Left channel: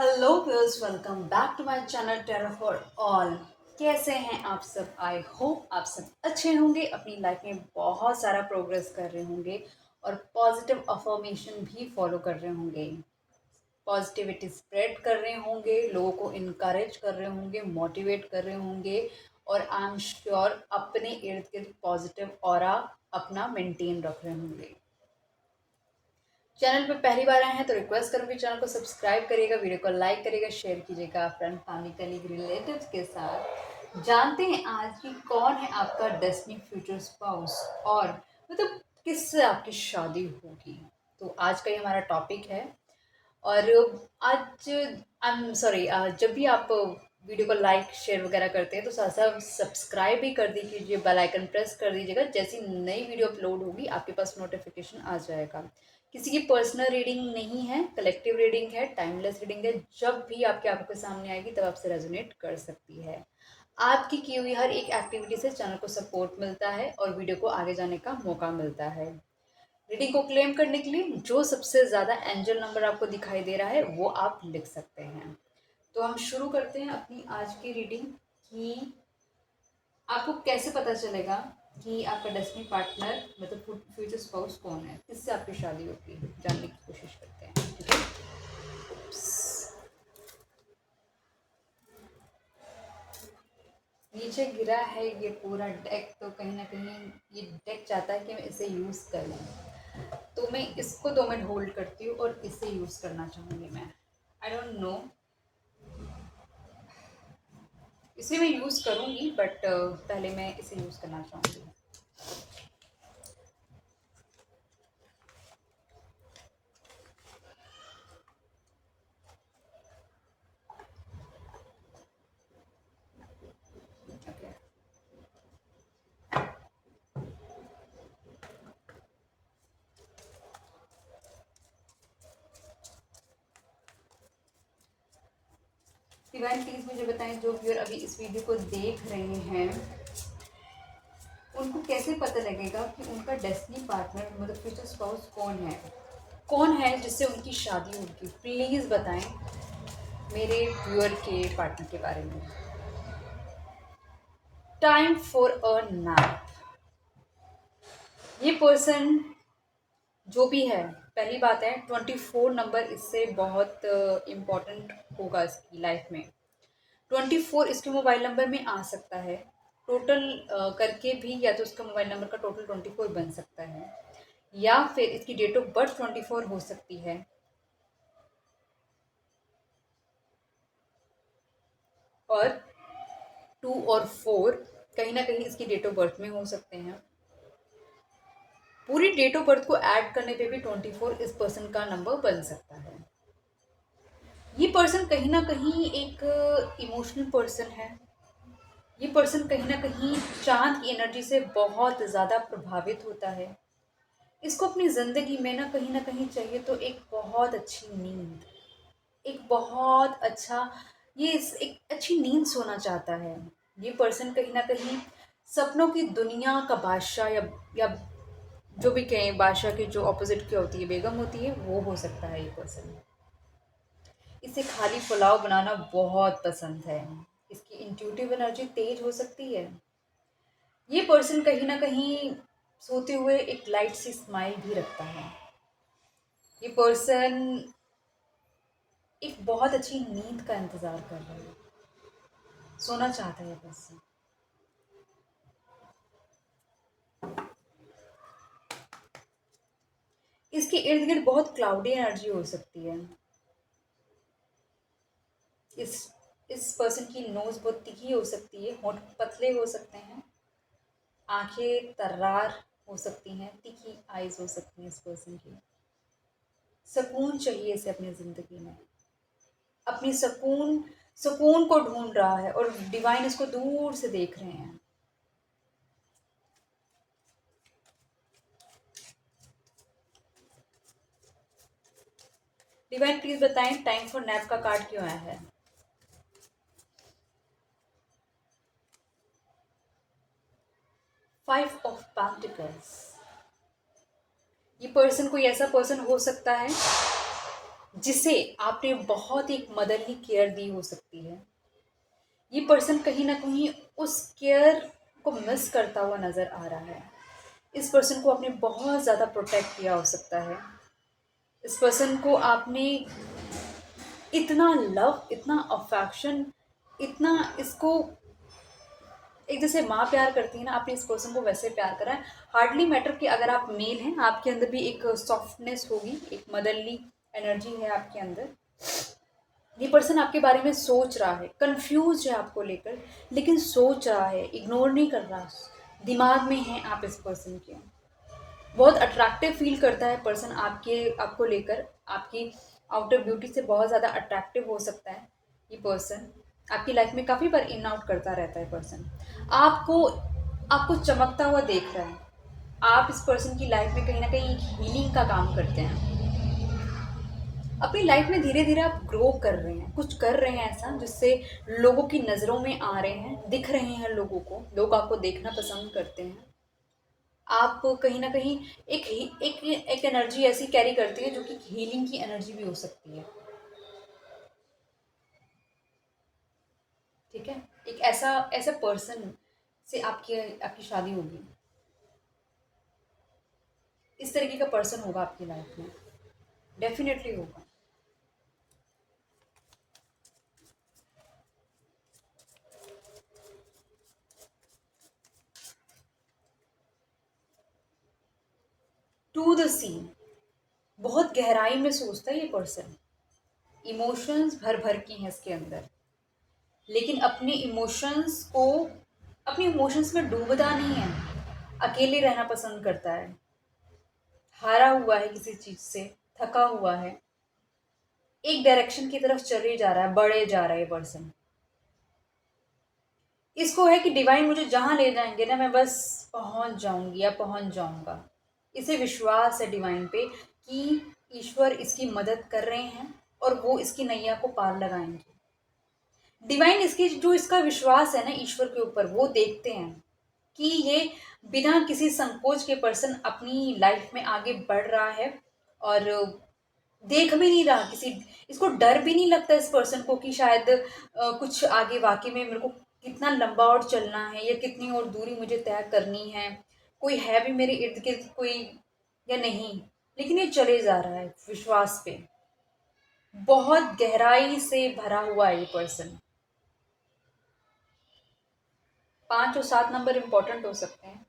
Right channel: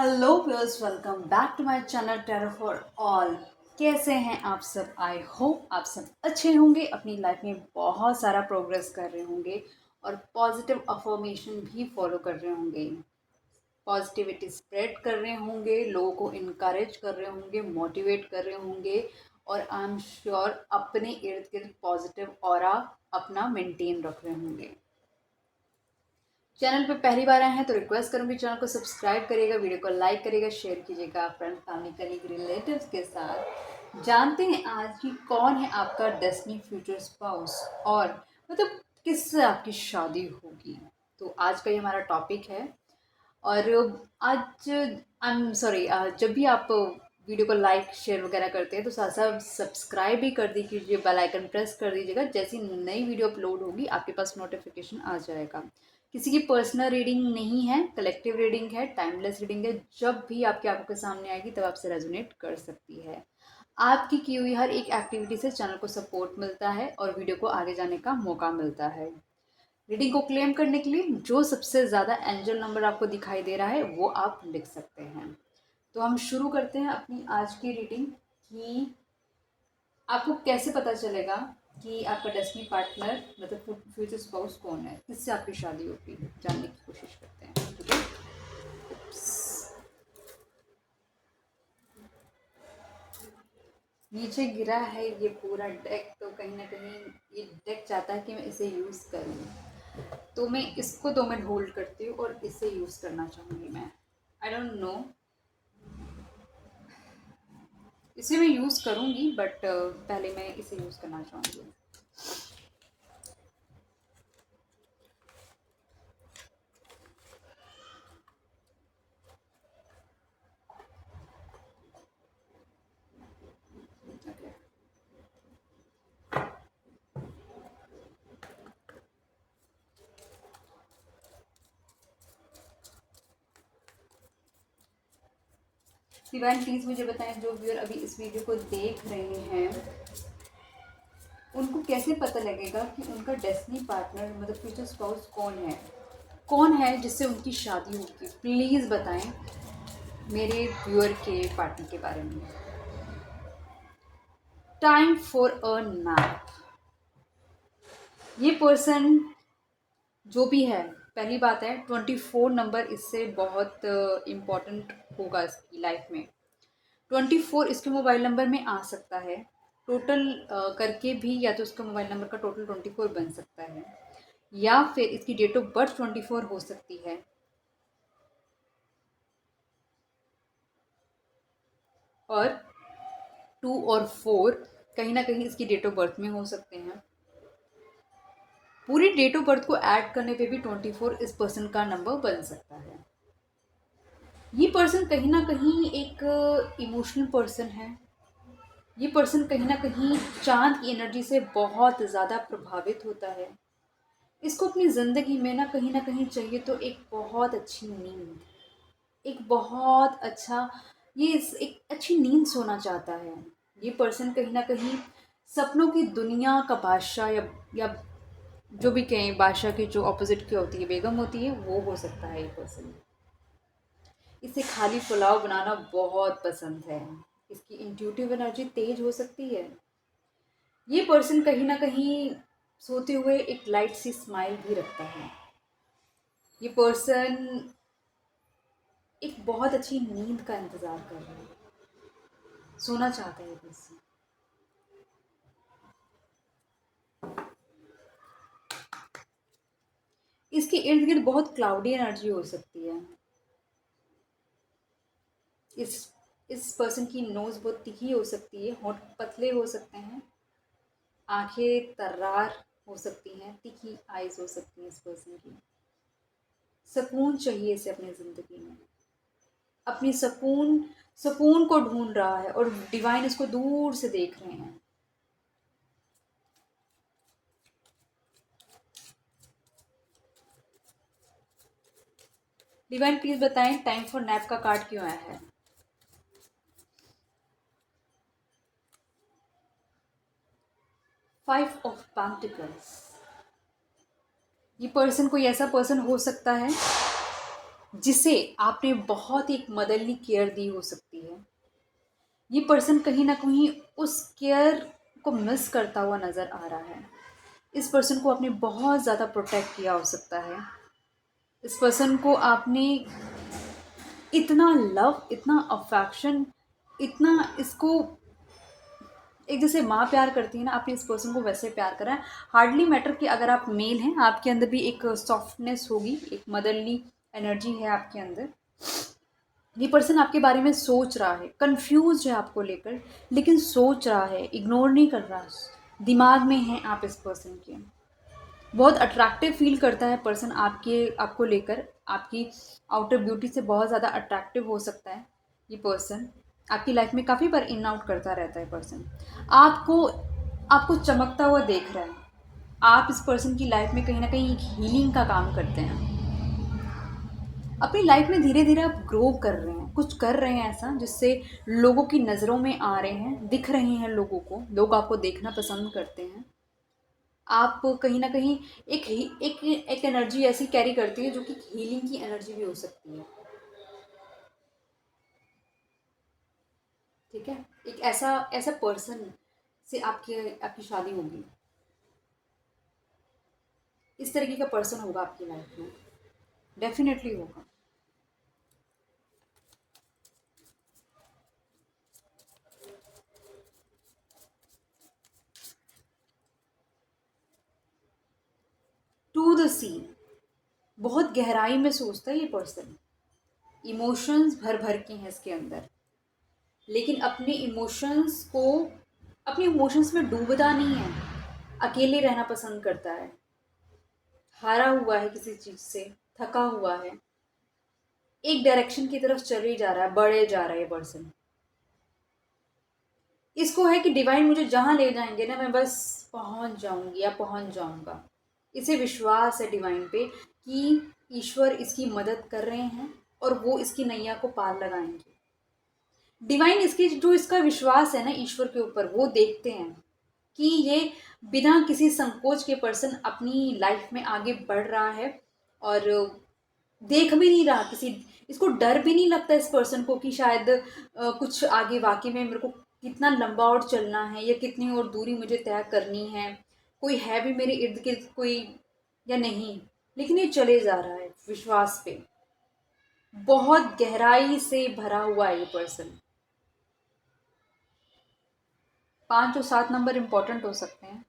Hello viewers, welcome back to my channel tarot for all. कैसे हैं आप सब? आई होप आप सब अच्छे होंगे, अपनी लाइफ में बहुत सारा प्रोग्रेस कर रहे होंगे और पॉजिटिव अफर्मेशन भी फॉलो कर रहे होंगे। पॉजिटिविटी स्प्रेड कर रहे होंगे, लोगों को इनकरेज कर रहे होंगे, मोटिवेट कर रहे होंगे और आई एम श्योर अपने इर्द गिर्द पॉजिटिव ऑरा अपना मेंटेन रख रहे होंगे। चैनल पे पहली बार आए हैं तो रिक्वेस्ट करूंगी चैनल को सब्सक्राइब करिएगा, वीडियो को लाइक करिएगा, शेयर कीजिएगा फ्रेंड, फैमिली, कलीग, रिलेटिव्स के साथ। जानते हैं आज की कौन है आपका डेस्टिनी फ्यूचर स्पाउस और मतलब किससे आपकी शादी होगी। तो आज का ये हमारा टॉपिक है। और आज आई एम सॉरी, जब भी आप वीडियो को लाइक शेयर वगैरह करते हैं तो साथ साथ सब्सक्राइब भी कर दीजिए, बेल आइकन प्रेस कर दीजिएगा। जैसी नई वीडियो अपलोड होगी आपके पास नोटिफिकेशन आ जाएगा। किसी की पर्सनल रीडिंग नहीं है, कलेक्टिव रीडिंग है, टाइमलेस रीडिंग है। जब भी आपकी आंखों के सामने आएगी तब आपसे रेजोनेट कर सकती है। आपकी की हुई हर एक एक्टिविटी से चैनल को सपोर्ट मिलता है और वीडियो को आगे जाने का मौका मिलता है। रीडिंग को क्लेम करने के लिए जो सबसे ज़्यादा एंजल नंबर आपको दिखाई दे रहा है वो आप लिख सकते हैं। तो हम शुरू करते हैं अपनी आज की रीडिंग कि आपको कैसे पता चलेगा कि आपका डेस्टिनी पार्टनर मतलब फ्यूचर स्पाउस कौन है, किससे आपकी शादी होगी, जानने की कोशिश करते हैं। ठीक है। नीचे गिरा है ये पूरा डेक, तो कहीं ना कहीं ये डेक चाहता है कि मैं इसे यूज़ करूँ, तो मैं इसको 2 मिनट होल्ड करती हूँ और इसे यूज़ करना चाहूँगी मैं। आई डोंट नो, इसे मैं यूज़ करूँगी बट पहले मैं इसे यूज़ करना चाहूँगी। डिवाइन प्लीज़ मुझे बताएं, जो व्यूअर अभी इस वीडियो को देख रहे हैं उनको कैसे पता लगेगा कि उनका डेस्टिनी पार्टनर मतलब फ्यूचर स्पाउस कौन है, कौन है जिससे उनकी शादी होगी। प्लीज़ बताएं मेरे व्यूअर के पार्टनर के बारे में। Time for a nap. ये पर्सन जो भी है, पहली बात है 24 नंबर इससे बहुत इम्पॉर्टेंट होगा इसकी लाइफ में। 24 इसके मोबाइल नंबर में आ सकता है। टोटल करके भी या तो उसका मोबाइल नंबर का टोटल 24 बन सकता है, या फिर इसकी डेट ऑफ बर्थ 24 हो सकती है। और 2 और 4 कहीं ना कहीं इसकी डेट ऑफ बर्थ में हो सकते हैं। पूरी डेट ऑफ बर्थ को ऐड करने पे भी 24 इस पर्सन का नंबर बन सकता है। ये पर्सन कहीं ना कहीं एक इमोशनल पर्सन है। ये पर्सन कहीं ना कहीं चांद की एनर्जी से बहुत ज़्यादा प्रभावित होता है। इसको अपनी ज़िंदगी में ना कहीं चाहिए तो एक बहुत अच्छी नींद, एक बहुत अच्छा एक अच्छी नींद सोना चाहता है। ये पर्सन कहीं ना कहीं सपनों की दुनिया का बादशाह, या जो भी कहें, बादशाह की जो ऑपोजिट की होती है बेगम होती है, वो हो सकता है ये पर्सन। इसे खाली पुलाव बनाना बहुत पसंद है। इसकी इंट्यूटिव एनर्जी तेज हो सकती है। ये पर्सन कहीं ना कहीं सोते हुए एक लाइट सी स्माइल भी रखता है। ये पर्सन एक बहुत अच्छी नींद का इंतज़ार कर रहा है, सोना चाहता है ये पर्सन। इसके इर्द गिर्द बहुत क्लाउडी एनर्जी हो सकती है। इस इस पर्सन की नोज़ बहुत तीखी हो सकती है, होंठ पतले हो सकते हैं, आंखें तर्रार हो सकती हैं, तीखी आइज हो सकती हैं इस पर्सन की। सुकून चाहिए इसे अपनी ज़िंदगी में, अपनी सुकून सुकून को ढूंढ रहा है और डिवाइन इसको दूर से देख रहे हैं। डिवाइन प्लीज बताएं टाइम फॉर नैप का कार्ड क्यों आया है। 5 ऑफ पेंटिकल्स। ये पर्सन कोई ऐसा पर्सन हो सकता है जिसे आपने बहुत एक मदरली केयर दी हो सकती है। ये पर्सन कहीं न कहीं उस केयर को मिस करता हुआ नज़र आ रहा है। इस पर्सन को आपने बहुत ज़्यादा प्रोटेक्ट किया हो सकता है। इस पर्सन को आपने इतना लव, इतना अफेक्शन, इतना इसको एक जैसे माँ प्यार करती है ना, आपने इस पर्सन को वैसे प्यार करा है। हार्डली मैटर कि अगर आप मेल हैं, आपके अंदर भी एक सॉफ्टनेस होगी, एक मदरली एनर्जी है आपके अंदर। ये पर्सन आपके बारे में सोच रहा है, कंफ्यूज है आपको लेकर, लेकिन सोच रहा है, इग्नोर नहीं कर रहा। दिमाग में हैं आप इस पर्सन के। बहुत अट्रैक्टिव फील करता है पर्सन आपको लेकर। आपकी आउटर ब्यूटी से बहुत ज़्यादा अट्रैक्टिव हो सकता है ये पर्सन। आपकी लाइफ में काफ़ी बार इन आउट करता रहता है पर्सन। आपको आपको चमकता हुआ देख रहा है। आप इस पर्सन की लाइफ में कहीं ना कहीं एक हीलिंग का काम करते हैं। अपनी लाइफ में धीरे धीरे आप ग्रो कर रहे हैं, कुछ कर रहे हैं ऐसा जिससे लोगों की नज़रों में आ रहे हैं, दिख रहे हैं लोगों को, लोग आपको देखना पसंद करते हैं। आप कहीं ना कहीं एक एनर्जी ऐसी कैरी करती है जो कि हीलिंग की एनर्जी भी हो सकती है। ठीक है। एक ऐसा ऐसा पर्सन से आपकी आपकी शादी होगी। इस तरीके का पर्सन होगा आपकी लाइफ में, डेफिनेटली होगा। टू द सीन, बहुत गहराई में सोचता है ये पर्सन। इमोशंस भर भर की हैं इसके अंदर, लेकिन अपने इमोशंस में डूबता नहीं है। अकेले रहना पसंद करता है। हारा हुआ है किसी चीज़ से, थका हुआ है, एक डायरेक्शन की तरफ चले जा रहा है, बढ़े जा रहा है ये पर्सन। इसको है कि डिवाइन मुझे जहाँ ले जाएंगे ना, मैं बस पहुँच जाऊंगी या पहुँच जाऊंगा। इसे विश्वास है डिवाइन पे कि ईश्वर इसकी मदद कर रहे हैं और वो इसकी नैया को पार लगाएंगे। डिवाइन इसकी जो इसका विश्वास है ना ईश्वर के ऊपर, वो देखते हैं कि ये बिना किसी संकोच के पर्सन अपनी लाइफ में आगे बढ़ रहा है। और देख भी नहीं रहा किसी, इसको डर भी नहीं लगता इस पर्सन को कि शायद कुछ आगे वाकई में मेरे को कितना लंबा और चलना है या कितनी और दूरी मुझे तय करनी है, कोई है भी मेरे इर्द गिर्द कोई या नहीं। लेकिन ये चले जा रहा है विश्वास पे। बहुत गहराई से भरा हुआ है ये पर्सन। 5 और 7 नंबर इंपॉर्टेंट हो सकते हैं।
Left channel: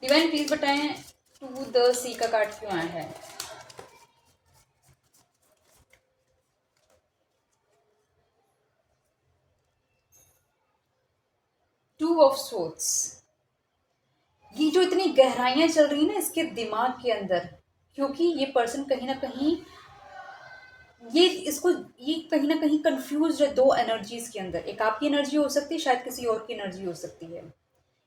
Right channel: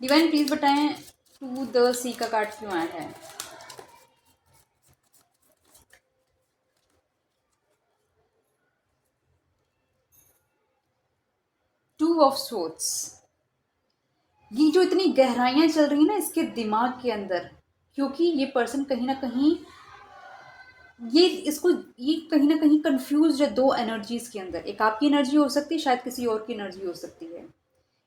डिवाइन प्लीज बताएं, टू द सी का कार्ड क्यों आया है। टू ऑफ सोर्ड्स, ये जो इतनी गहराइयां चल रही है ना इसके दिमाग के अंदर, क्योंकि ये पर्सन कहीं ना कहीं ये कहीं ना कहीं कंफ्यूज है दो एनर्जीज के अंदर। एक आपकी एनर्जी हो सकती है, शायद किसी और की एनर्जी हो सकती है।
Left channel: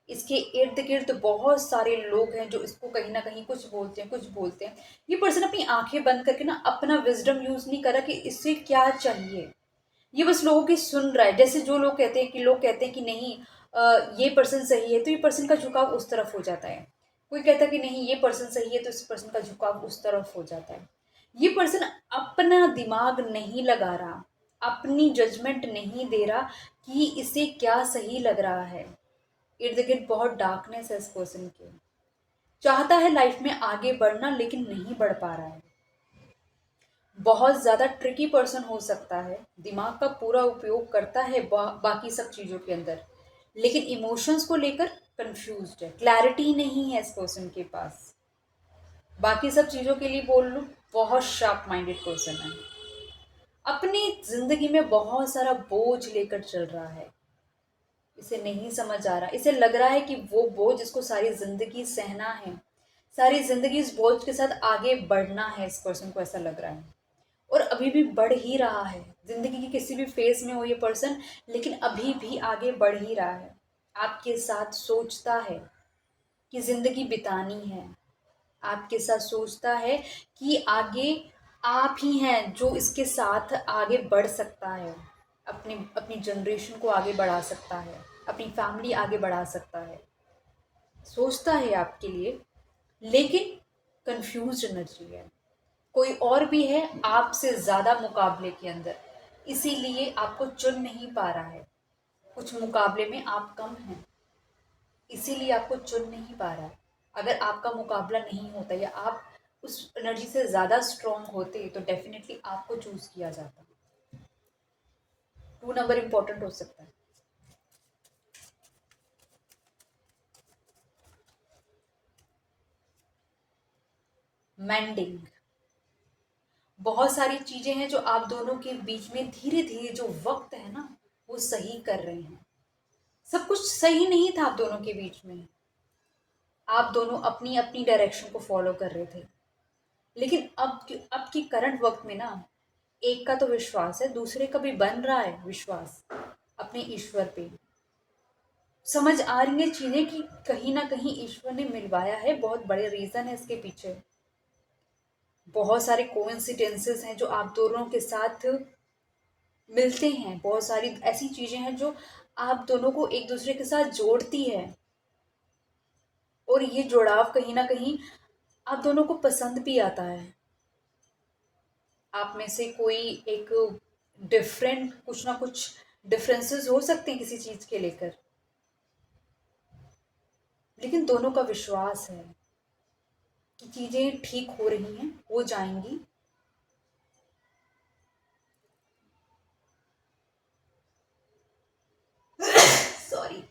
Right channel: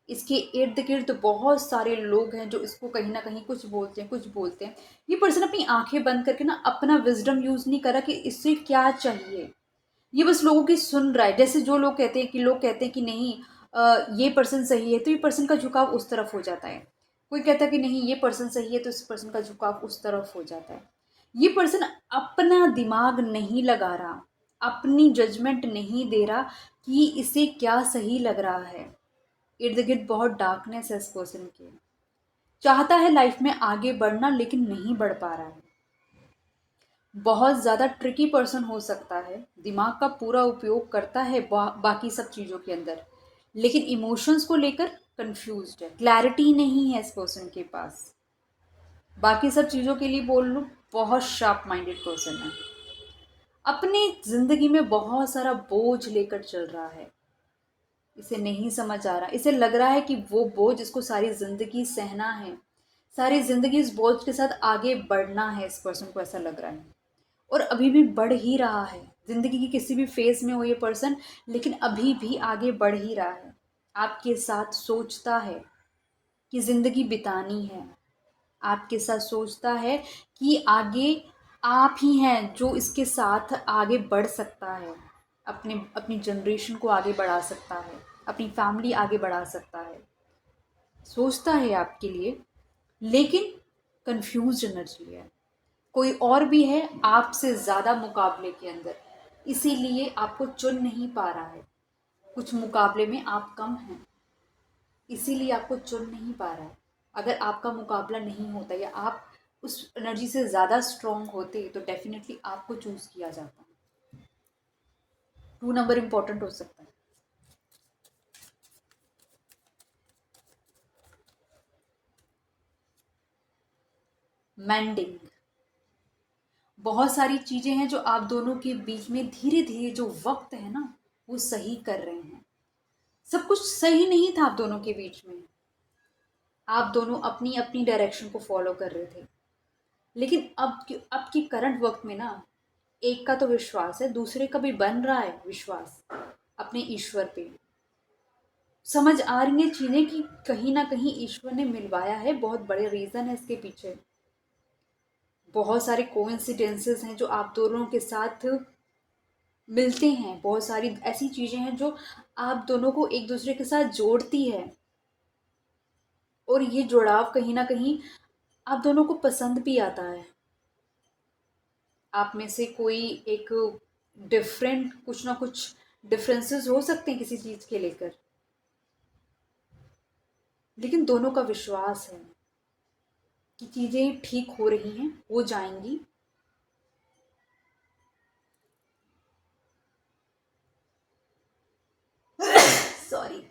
इसके इर्द गिर्द बहुत सारे लोग हैं जो इसको कहीं ना कहीं कुछ बोलते हैं कुछ बोलते हैं। ये पर्सन अपनी आंखें बंद करके ना अपना विजडम यूज नहीं कर रहा कि इससे क्या चाहिए। ये बस लोगों की सुन रहा है। जैसे जो लोग कहते हैं कि नहीं, ये पर्सन सही है तो ये पर्सन का झुकाव उस तरफ हो जाता है। कोई कहता है कि नहीं ये पर्सन सही है तो इस पर्सन का झुकाव उस तरफ हो जाता है। ये पर्सन अपना दिमाग नहीं लगा रहा, अपनी जजमेंट नहीं दे रहा कि इसे क्या सही लग रहा है। इर्द गिर्द बहुत डार्कनेस है इस पर्सन के। चाहता है लाइफ में आगे बढ़ना लेकिन नहीं बढ़ पा रहा है। बहुत ज़्यादा ट्रिकी पर्सन हो सकता है, दिमाग का पूरा उपयोग करता है बाकी सब चीज़ों के अंदर, लेकिन इमोशंस को लेकर कंफ्यूज्ड है, क्लैरिटी नहीं है इस पर्सन के पास। बाकी सब चीज़ों के लिए बोल लूँ, बहुत शार्प माइंडेड पर्सन है। अपनी ज़िंदगी में बहुत सारा बोझ लेकर चल रहा है। इसे नहीं समझ आ रहा, इसे लग रहा है कि वो बोझ इसको सारी ज़िंदगी सहना है, सारी ज़िंदगी इस बोझ के साथ आगे बढ़ना है। इस पर्सन को ऐसा लग रहा है और अभी भी बढ़ ही रहा है। ज़िंदगी की किसी भी फेज़ में हो ये पर्सन, लेकिन अभी भी आगे बढ़ ही रहा है। आपके साथ सोचता है कि ज़िंदगी बितानी है। आपके साथ सोचता है कि आगे आप ही हैं जो इसके साथ आगे बढ़ सकता है, अपनी अपनी जनरेशन को आगे बढ़ा सकता है, अपनी फैमिली आगे बढ़ा सकता है। सोचता है आपके लिए, लेकिन कंफ्यूज एनर्जी है। कोई और भी है आपसे ज़्यादा मुकाबले के अंदर, इसीलिए आपको चुन नहीं पा रहा है। कुछ मुकाबले में आप कम हैं, इसीलिए आपको चुन नहीं पा रहा है। अगर आपका मुकाबला नहीं होता या आप उस एनर्जी से ज़्यादा स्ट्रांग होते तो डेफिनेटली आपको चूज किया जाता। 2 नंबर इंपॉर्टेंट हो सकता है। मैंडिंग, बहुत सारी चीजें हैं जो आप दोनों के बीच में धीरे धीरे जो वक्त है ना वो सही कर रहे हैं। सब कुछ सही नहीं था आप दोनों के बीच में, आप दोनों अपनी अपनी डायरेक्शन को फॉलो कर रहे थे। लेकिन अब की करंट वक्त में ना, एक का तो विश्वास है, दूसरे का भी बन रहा है विश्वास अपने ईश्वर पे। समझ आ रही है चीजें कि कहीं ना कहीं ईश्वर ने मिलवाया है, बहुत बड़े रीजन है इसके पीछे। बहुत सारे कोइंसिडेंसेस हैं जो आप दोनों के साथ मिलते हैं, बहुत सारी ऐसी चीजें हैं जो आप दोनों को एक दूसरे के साथ जोड़ती है। और ये जुड़ाव कहीं ना कहीं आप दोनों को पसंद भी आता है। आप में से कोई एक डिफरेंट, कुछ ना कुछ डिफरेंसेस हो सकते हैं किसी चीज के लेकर, लेकिन दोनों का विश्वास है कि चीजें ठीक हो रही हैं, हो जाएंगी। Sorry,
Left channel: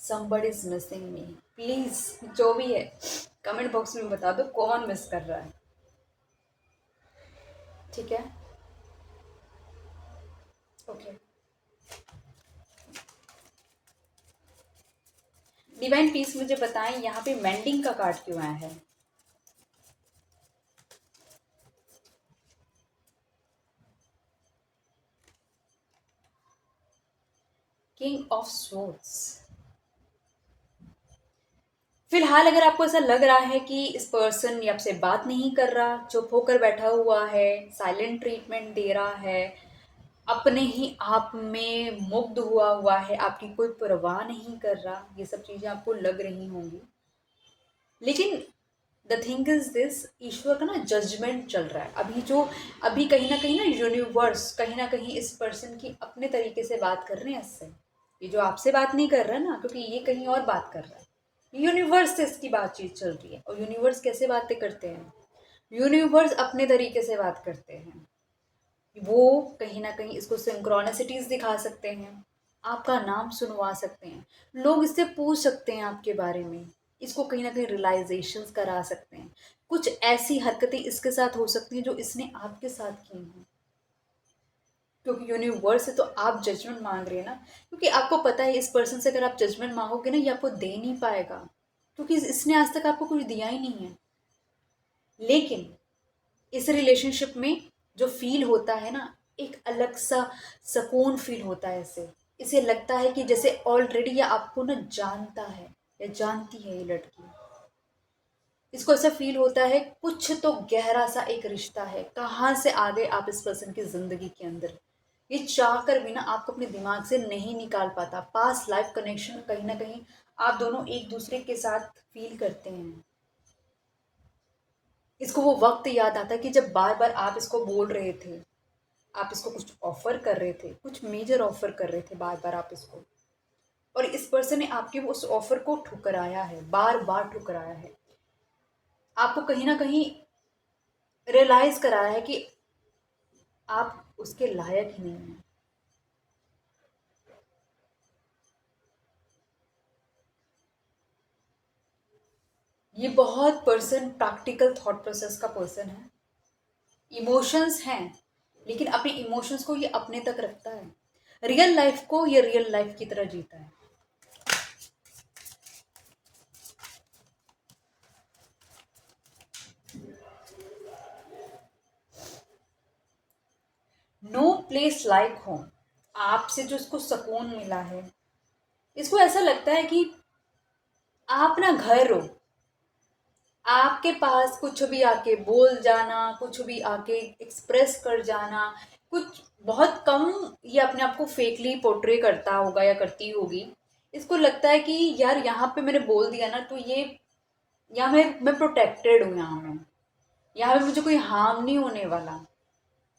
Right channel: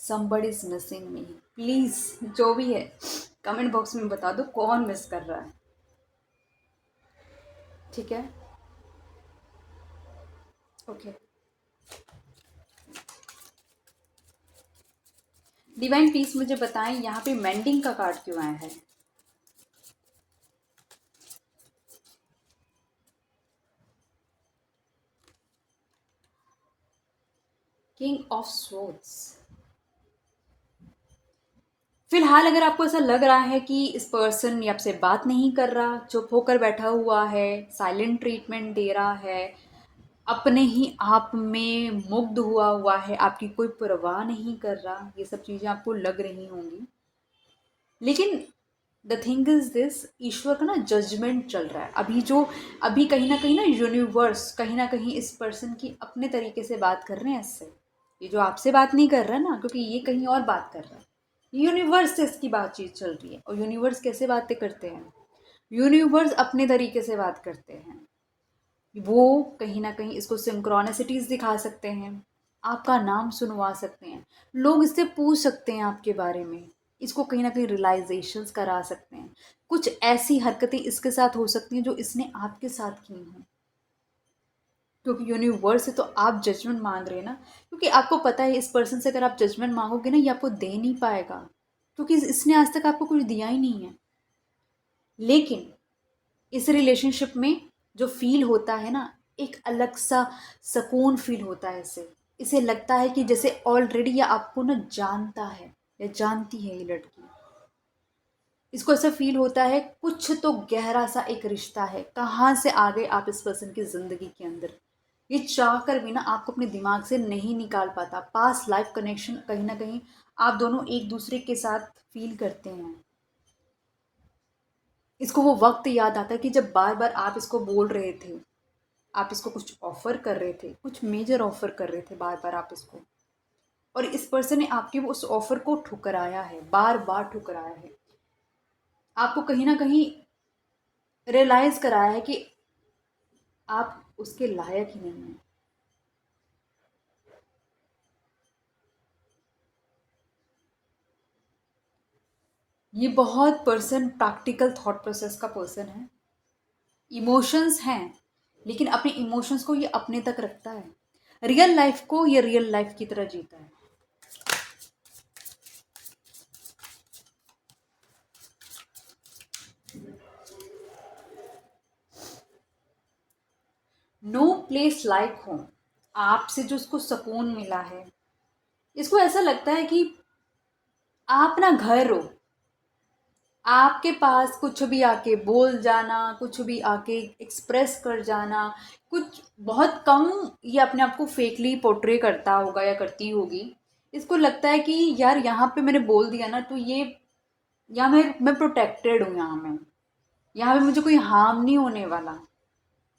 somebody is missing me, please जो भी है कमेंट बॉक्स में बता दो कौन मिस कर रहा है। ठीक है, ओके। डिवाइन पीस मुझे बताएं यहाँ पे मेंडिंग का कार्ड क्यों आया है। किंग ऑफ स्वॉर्ड्स, फिलहाल अगर आपको ऐसा लग रहा है कि इस पर्सन ये आपसे बात नहीं कर रहा, चुप होकर बैठा हुआ है, साइलेंट ट्रीटमेंट दे रहा है, अपने ही आप में मुग्ध हुआ हुआ है, आपकी कोई परवाह नहीं कर रहा, ये सब चीज़ें आपको लग रही होंगी। लेकिन द थिंग इज दिस, ईश्वर का ना जजमेंट चल रहा है अभी, जो अभी कहीं ना यूनिवर्स कहीं ना कहीं इस पर्सन की अपने तरीके से बात कर रहे हैं इससे। ये जो आपसे बात नहीं कर रहा है ना, क्योंकि ये कहीं और बात कर रहा है, यूनिवर्स से इसकी बातचीत चल रही है। और यूनिवर्स कैसे बातें करते हैं, यूनिवर्स अपने तरीके से बात करते हैं। वो कहीं ना कहीं इसको सिंक्रोनिसिटीज दिखा सकते हैं, आपका नाम सुनवा सकते हैं, लोग इससे पूछ सकते हैं आपके बारे में, इसको कहीं ना कहीं रियलाइजेशंस करा सकते हैं। कुछ ऐसी हरकतें इसके साथ हो सकती हैं जो इसने आपके साथ की हैं, क्योंकि यूनिवर्स से तो आप जजमेंट मांग रहे हैं ना। क्योंकि आपको पता है इस पर्सन से अगर आप जजमेंट मांगोगे ना, ये आपको दे नहीं पाएगा, क्योंकि इसने आज तक आपको कुछ दिया ही नहीं है। लेकिन इस रिलेशनशिप में जो फील होता है ना, एक अलग सा सुकून फील होता है इसे। इसे लगता है कि जैसे ऑलरेडी ये आपको ना जानता है या जानती है ये लड़की। इसको ऐसा फील होता है कुछ तो गहरा सा एक रिश्ता है, कहाँ से आ गए आप इस पर्सन की जिंदगी के अंदर, ये चाह कर भी ना आपको अपने दिमाग से नहीं निकाल पाता। पास्ट लाइफ कनेक्शन कहीं ना कहीं आप दोनों एक दूसरे के साथ फील करते हैं। इसको वो वक्त याद आता है कि जब बार बार आप इसको बोल रहे थे, आप इसको कुछ ऑफर कर रहे थे, कुछ मेजर ऑफर कर रहे थे बार बार आप इसको, और इस पर्सन ने आपके उस ऑफर को ठुकराया है, बार बार ठुकराया है। आपको कहीं ना कहीं रियलाइज कराया है कि आप उसके लायक ही नहीं हैं। ये बहुत पर्सन प्रैक्टिकल थॉट प्रोसेस का पर्सन है, इमोशंस हैं, लेकिन अपने इमोशंस को ये अपने तक रखता है, रियल लाइफ को ये रियल लाइफ की तरह जीता है। नो प्लेस लाइक होम, आपसे जो उसको सुकून मिला है, इसको ऐसा लगता है कि आप ना घर हो, आपके पास कुछ भी आके बोल जाना, कुछ भी आके एक्सप्रेस कर जाना। कुछ बहुत कम ये अपने आप को फेकली पोर्ट्रे करता होगा या करती होगी, इसको लगता है कि यार यहाँ पे मैंने बोल दिया ना, तो ये यहाँ मैं प्रोटेक्टेड हूँ, यहाँ पे मुझे कोई हार्म नहीं होने वाला।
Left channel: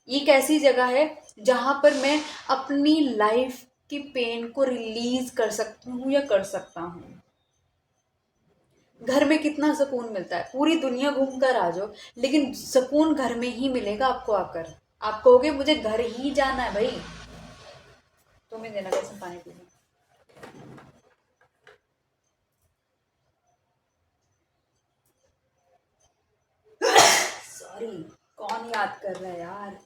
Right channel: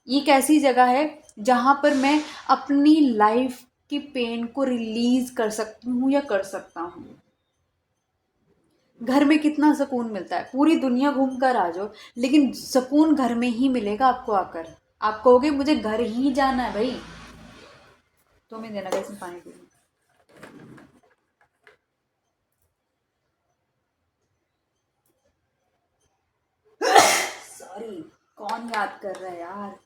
ये एक ऐसी जगह है जहाँ पर मैं अपनी लाइफ की पेन को रिलीज कर सकती हूँ या कर सकता हूँ। घर में कितना सुकून मिलता है, पूरी दुनिया घूम कर आ जाओ, लेकिन सुकून घर में ही मिलेगा आपको आकर। आप कहोगे मुझे घर ही जाना है भाई, तो मैं देना कैसे पानी पी। सॉरी, कौन याद कर रहा है यार।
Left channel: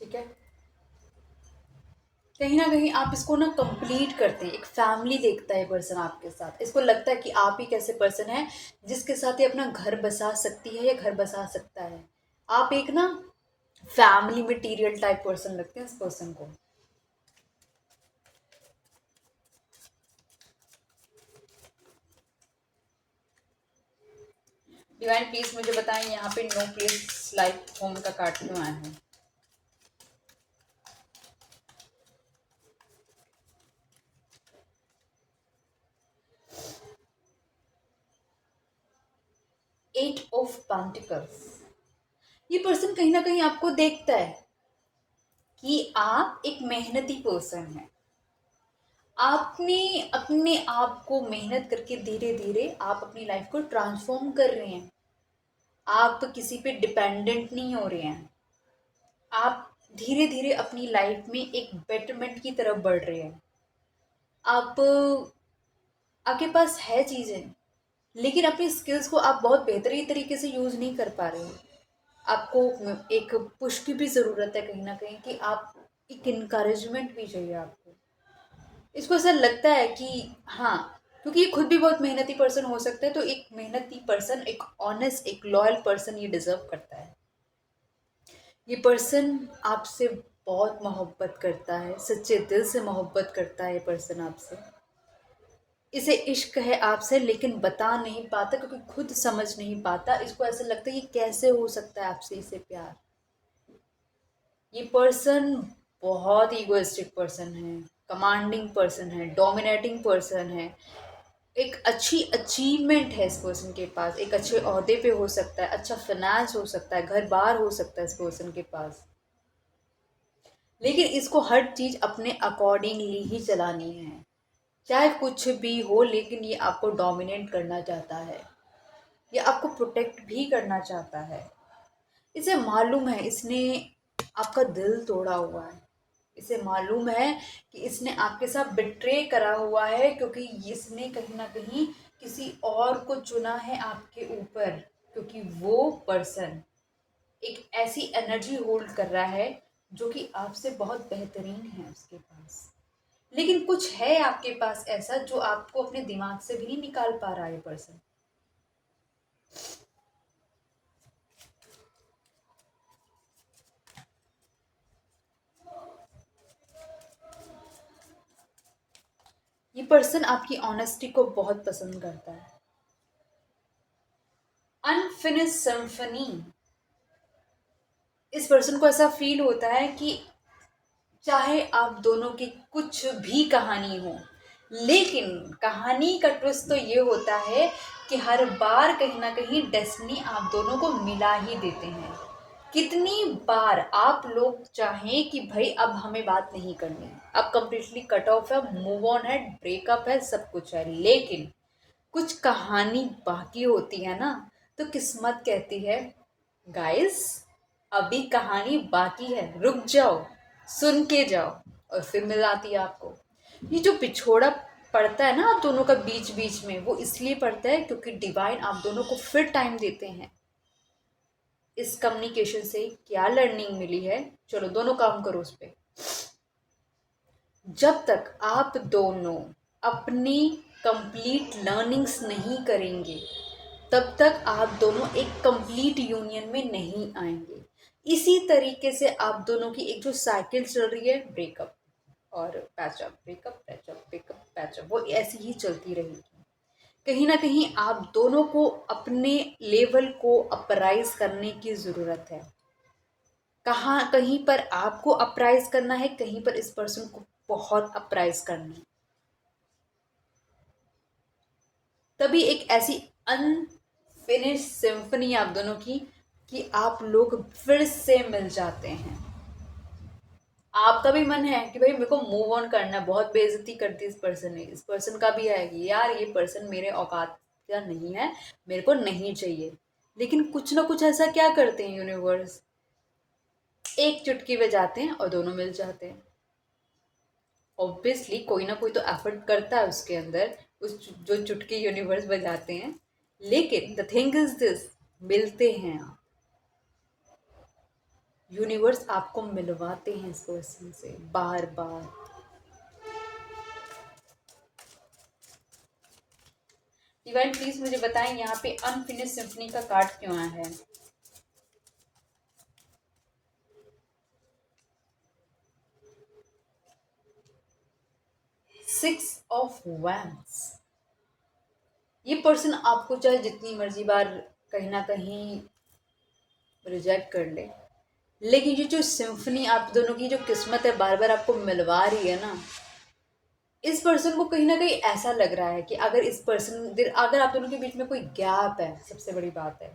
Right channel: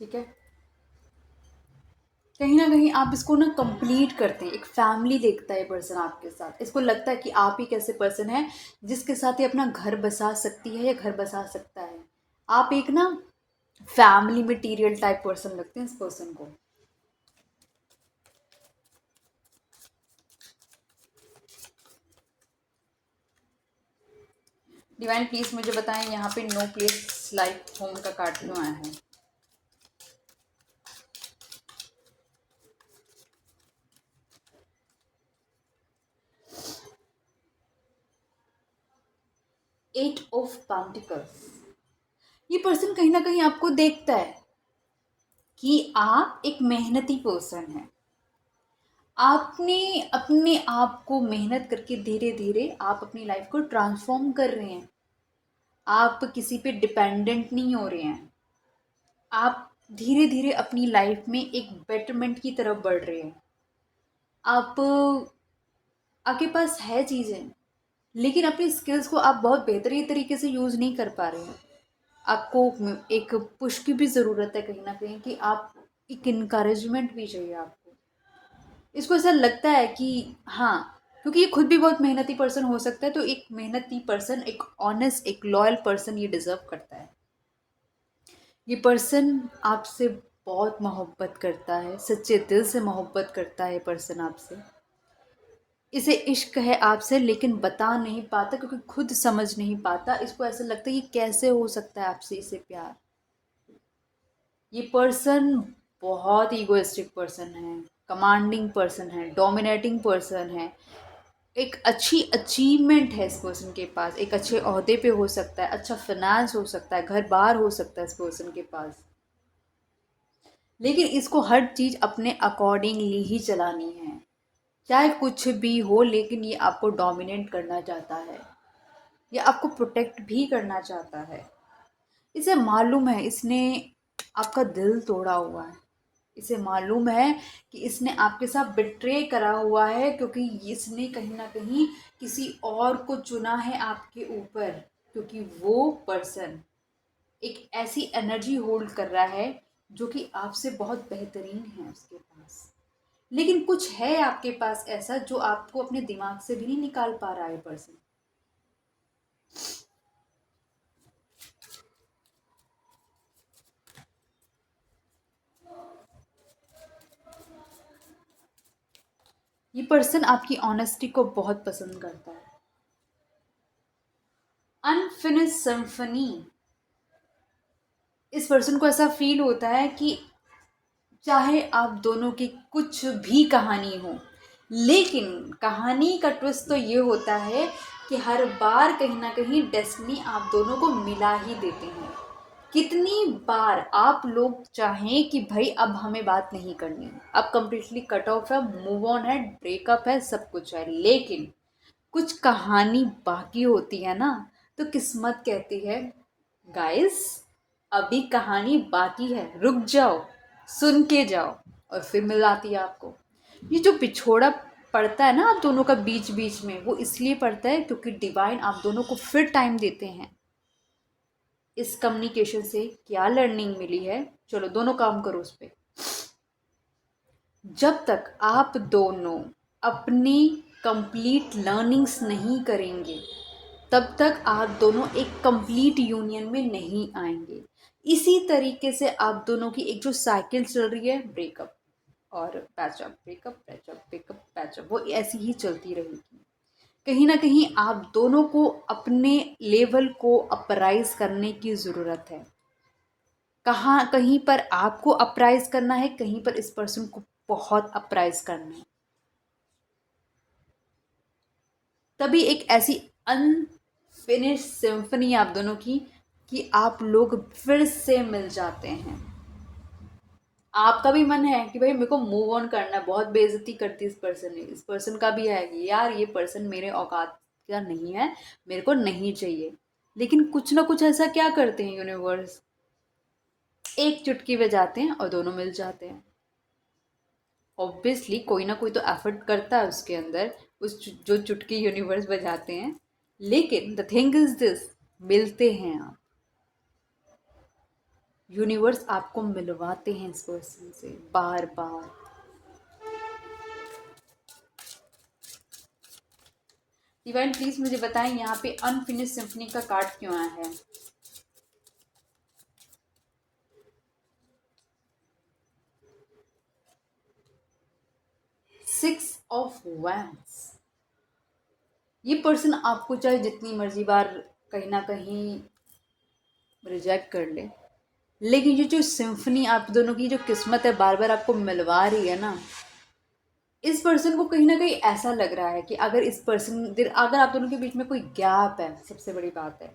ठीक है, कहीं ना कहीं आप इसको ना कंप्लीट करते हैं, एक फैमिली देखता है पर्सन आपके साथ, इसको लगता है कि आप ही कैसे पर्सन है जिसके साथ ये अपना घर बसा सकती है या घर बसा सकता है। आप एक ना फैमिली मटीरियल टाइप पर्सन लगते हैं इस पर्सन को। डिवाइन प्लीज मुझे बताएं, यहाँ पे नो प्लीज लाइक होम का कार्ड क्यों आया है। एट ऑफ पेंटिकल्स, ये पर्सन कहीं ना कहीं आपको देखता है कि आप एक मेहनती पर्सन हैं। आपने अपने आप को मेहनत करके धीरे धीरे आप अपनी लाइफ को ट्रांसफॉर्म कर रहे हैं। आप किसी पे डिपेंडेंट नहीं हो रहे हैं। आप धीरे धीरे अपनी लाइफ में एक बेटरमेंट की तरफ बढ़ रहे हैं। आप आपके पास है चीज़ें, लेकिन अपनी स्किल्स को आप बहुत बेहतरीन तरीके से यूज़ नहीं कर पा रहे हो। आपको एक पुश की भी ज़रूरत है कहीं ना कहीं, कि आप एक इनकरेजमेंट भी चाहिए आपको। इसको ऐसा लगता है कि हाँ, क्योंकि ये खुद भी बहुत मेहनती पर्सन हो सकता है, तो एक मेहनती पर्सन, एक ऑनेस्ट, एक लॉयल पर्सन ये डिजर्व करता है। ये पर्सन आपसे बहुत मोहब्बत करता है, सच्चे दिल से मोहब्बत करता है ये पर्सन आपसे। इसे इश्क है आपसे, लेकिन बता नहीं पाता क्योंकि खुद समझ नहीं पाता। इसको ऐसा लगता है कि कैसे हो सकता है आपसे इसे प्यार। ये पर्सन बहुत ईगोइस्टिक पर्सन है, कमांडिंग पर्सन है, डोमिनेटिंग पर्सन है। एक अच्छी अचीवमेंट है इस पर्सन के पास, एक अच्छे ओहदे पे हो सकता है, अच्छा फाइनेंस हो सकता है, घर बार हो सकता है इस पर्सन के पास। लेकिन इसको हर चीज़ अपने अकॉर्डिंगली ही चलानी है, चाहे कुछ भी हो, लेकिन ये आपको डोमिनेट करना चाहता है, ये आपको प्रोटेक्ट भी करना चाहता है। इसे मालूम है इसने आपका दिल तोड़ा हुआ है। इसे मालूम है कि इसने आपके साथ बिट्रे करा हुआ है, क्योंकि इसने कहीं ना कहीं किसी और को चुना है आपके ऊपर, क्योंकि वो पर्सन एक ऐसी एनर्जी होल्ड कर रहा है जो कि आपसे बहुत बेहतरीन है उसके पास। लेकिन कुछ है आपके पास ऐसा जो आपको अपने दिमाग से भी नहीं निकाल पा रहा है पर्सन। ये पर्सन आपकी ऑनेस्टी को बहुत पसंद करता है। अनफिनिश सिम्फनी, इस पर्सन को ऐसा फील होता है कि चाहे आप दोनों की कुछ भी कहानी हो, लेकिन कहानी का ट्विस्ट तो ये होता है कि हर बार कहीं ना कहीं डेस्टिनी आप दोनों को मिला ही देते हैं। कितनी बार आप लोग चाहें कि भाई अब हमें बात नहीं करनी, अब कंप्लीटली कट ऑफ है, मूव ऑन है, ब्रेकअप है, सब कुछ है, लेकिन कुछ कहानी बाकी होती है ना, तो किस्मत कहती है गाइस अभी कहानी बाकी है, रुक जाओ, सुन के जाओ, और फिर मिलाती है आपको। ये जो पिछोड़ा पड़ता है ना आप दोनों का बीच बीच में, वो इसलिए पड़ता है क्योंकि डिवाइन आप दोनों को फिर टाइम देते हैं। इस कम्युनिकेशन से क्या लर्निंग मिली है, चलो दोनों काम करो उस पर। जब तक आप दोनों अपनी कंप्लीट लर्निंग्स नहीं करेंगे, तब तक आप दोनों एक कंप्लीट यूनियन में नहीं आएंगे। इसी तरीके से आप दोनों की एक जो साइकिल चल रही है, ब्रेकअप और patchup, breakup patchup, breakup patchup, वो ऐसी ही चलती रहेगी। कहीं ना कहीं आप दोनों को अपने लेवल को अपराइज करने की ज़रूरत है। कहाँ कहीं पर आपको अपराइज करना है, कहीं पर इस पर्सन को बहुत अपराइज करना है। तभी एक ऐसी अनफिनिश सिम्फनी आप दोनों की कि आप लोग फिर से मिल जाते हैं। आपका भी मन है कि भाई मेरे को मूव ऑन करना है, बहुत बेइज्जती करती इस पर्सन ने, इस पर्सन का भी है कि यार ये पर्सन मेरे औकात का नहीं है, मेरे को नहीं चाहिए। लेकिन कुछ ना कुछ ऐसा क्या करते हैं यूनिवर्स, एक चुटकी बजाते हैं और दोनों मिल जाते हैं। ऑब्वियसली कोई ना कोई तो एफर्ट करता है उसके अंदर, जो चुटकी यूनिवर्स बजाते हैं। लेकिन द थिंग इज दिस, मिलते हैं आप, यूनिवर्स आपको मिलवाते हैं इस पर्सन से बार बार। डिवाइन प्लीज मुझे बताएं यहाँ पे अनफिनिश सिम्फनी का कार्ड क्यों आया है। 6 ऑफ वैंड्स। ये पर्सन आपको चाहे जितनी मर्जी बार कहीं ना कहीं रिजेक्ट कर ले, लेकिन ये जो सिम्फनी आप दोनों की जो किस्मत है बार बार आपको मिलवा रही है ना, इस पर्सन को कहीं ना कहीं ऐसा लग रहा है कि अगर आप दोनों के बीच में कोई गैप है, सबसे बड़ी बात है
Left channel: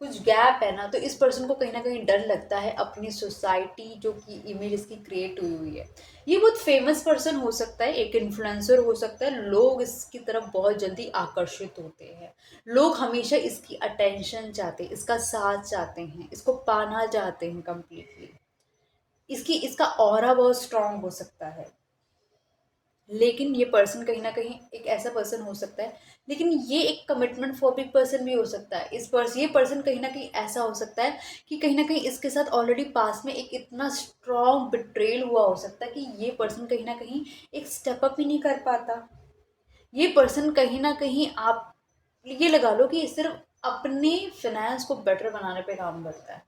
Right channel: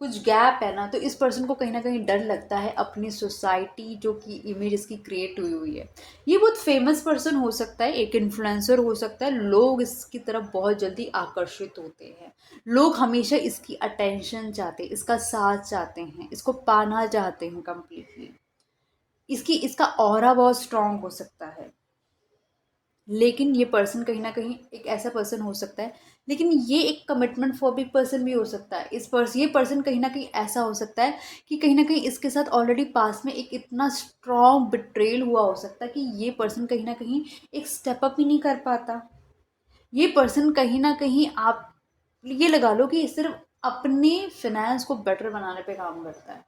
कुछ गैप है ना, तो इस पर्सन को कहीं ना कहीं डर लगता है अपनी सोसाइटी जो कि इमेज इसकी क्रिएट हुई हुई है। ये बहुत फेमस पर्सन हो सकता है, एक इन्फ्लुएंसर हो सकता है, लोग इसकी तरफ बहुत जल्दी आकर्षित होते हैं। लोग हमेशा इसकी अटेंशन चाहते हैं, इसका साथ चाहते हैं, इसको पाना चाहते हैं कंप्लीटली। इसका ऑरा बहुत स्ट्रांग हो सकता है। लेकिन ये पर्सन कहीं ना कहीं एक ऐसा पर्सन हो सकता है, लेकिन ये एक कमिटमेंट फॉबिक पर्सन भी हो सकता है। ये पर्सन कहीं ना कहीं ऐसा हो सकता है कि कहीं ना कहीं इसके साथ ऑलरेडी पास में एक इतना स्ट्रॉन्ग बिट्रेल हुआ हो सकता है कि ये पर्सन कहीं ना कहीं एक स्टेप अप ही नहीं कर पाता। ये पर्सन कहीं ना कहीं, आप ये लगा लो कि सिर्फ अपने फिनेंस को बेटर बनाने पे काम करता है,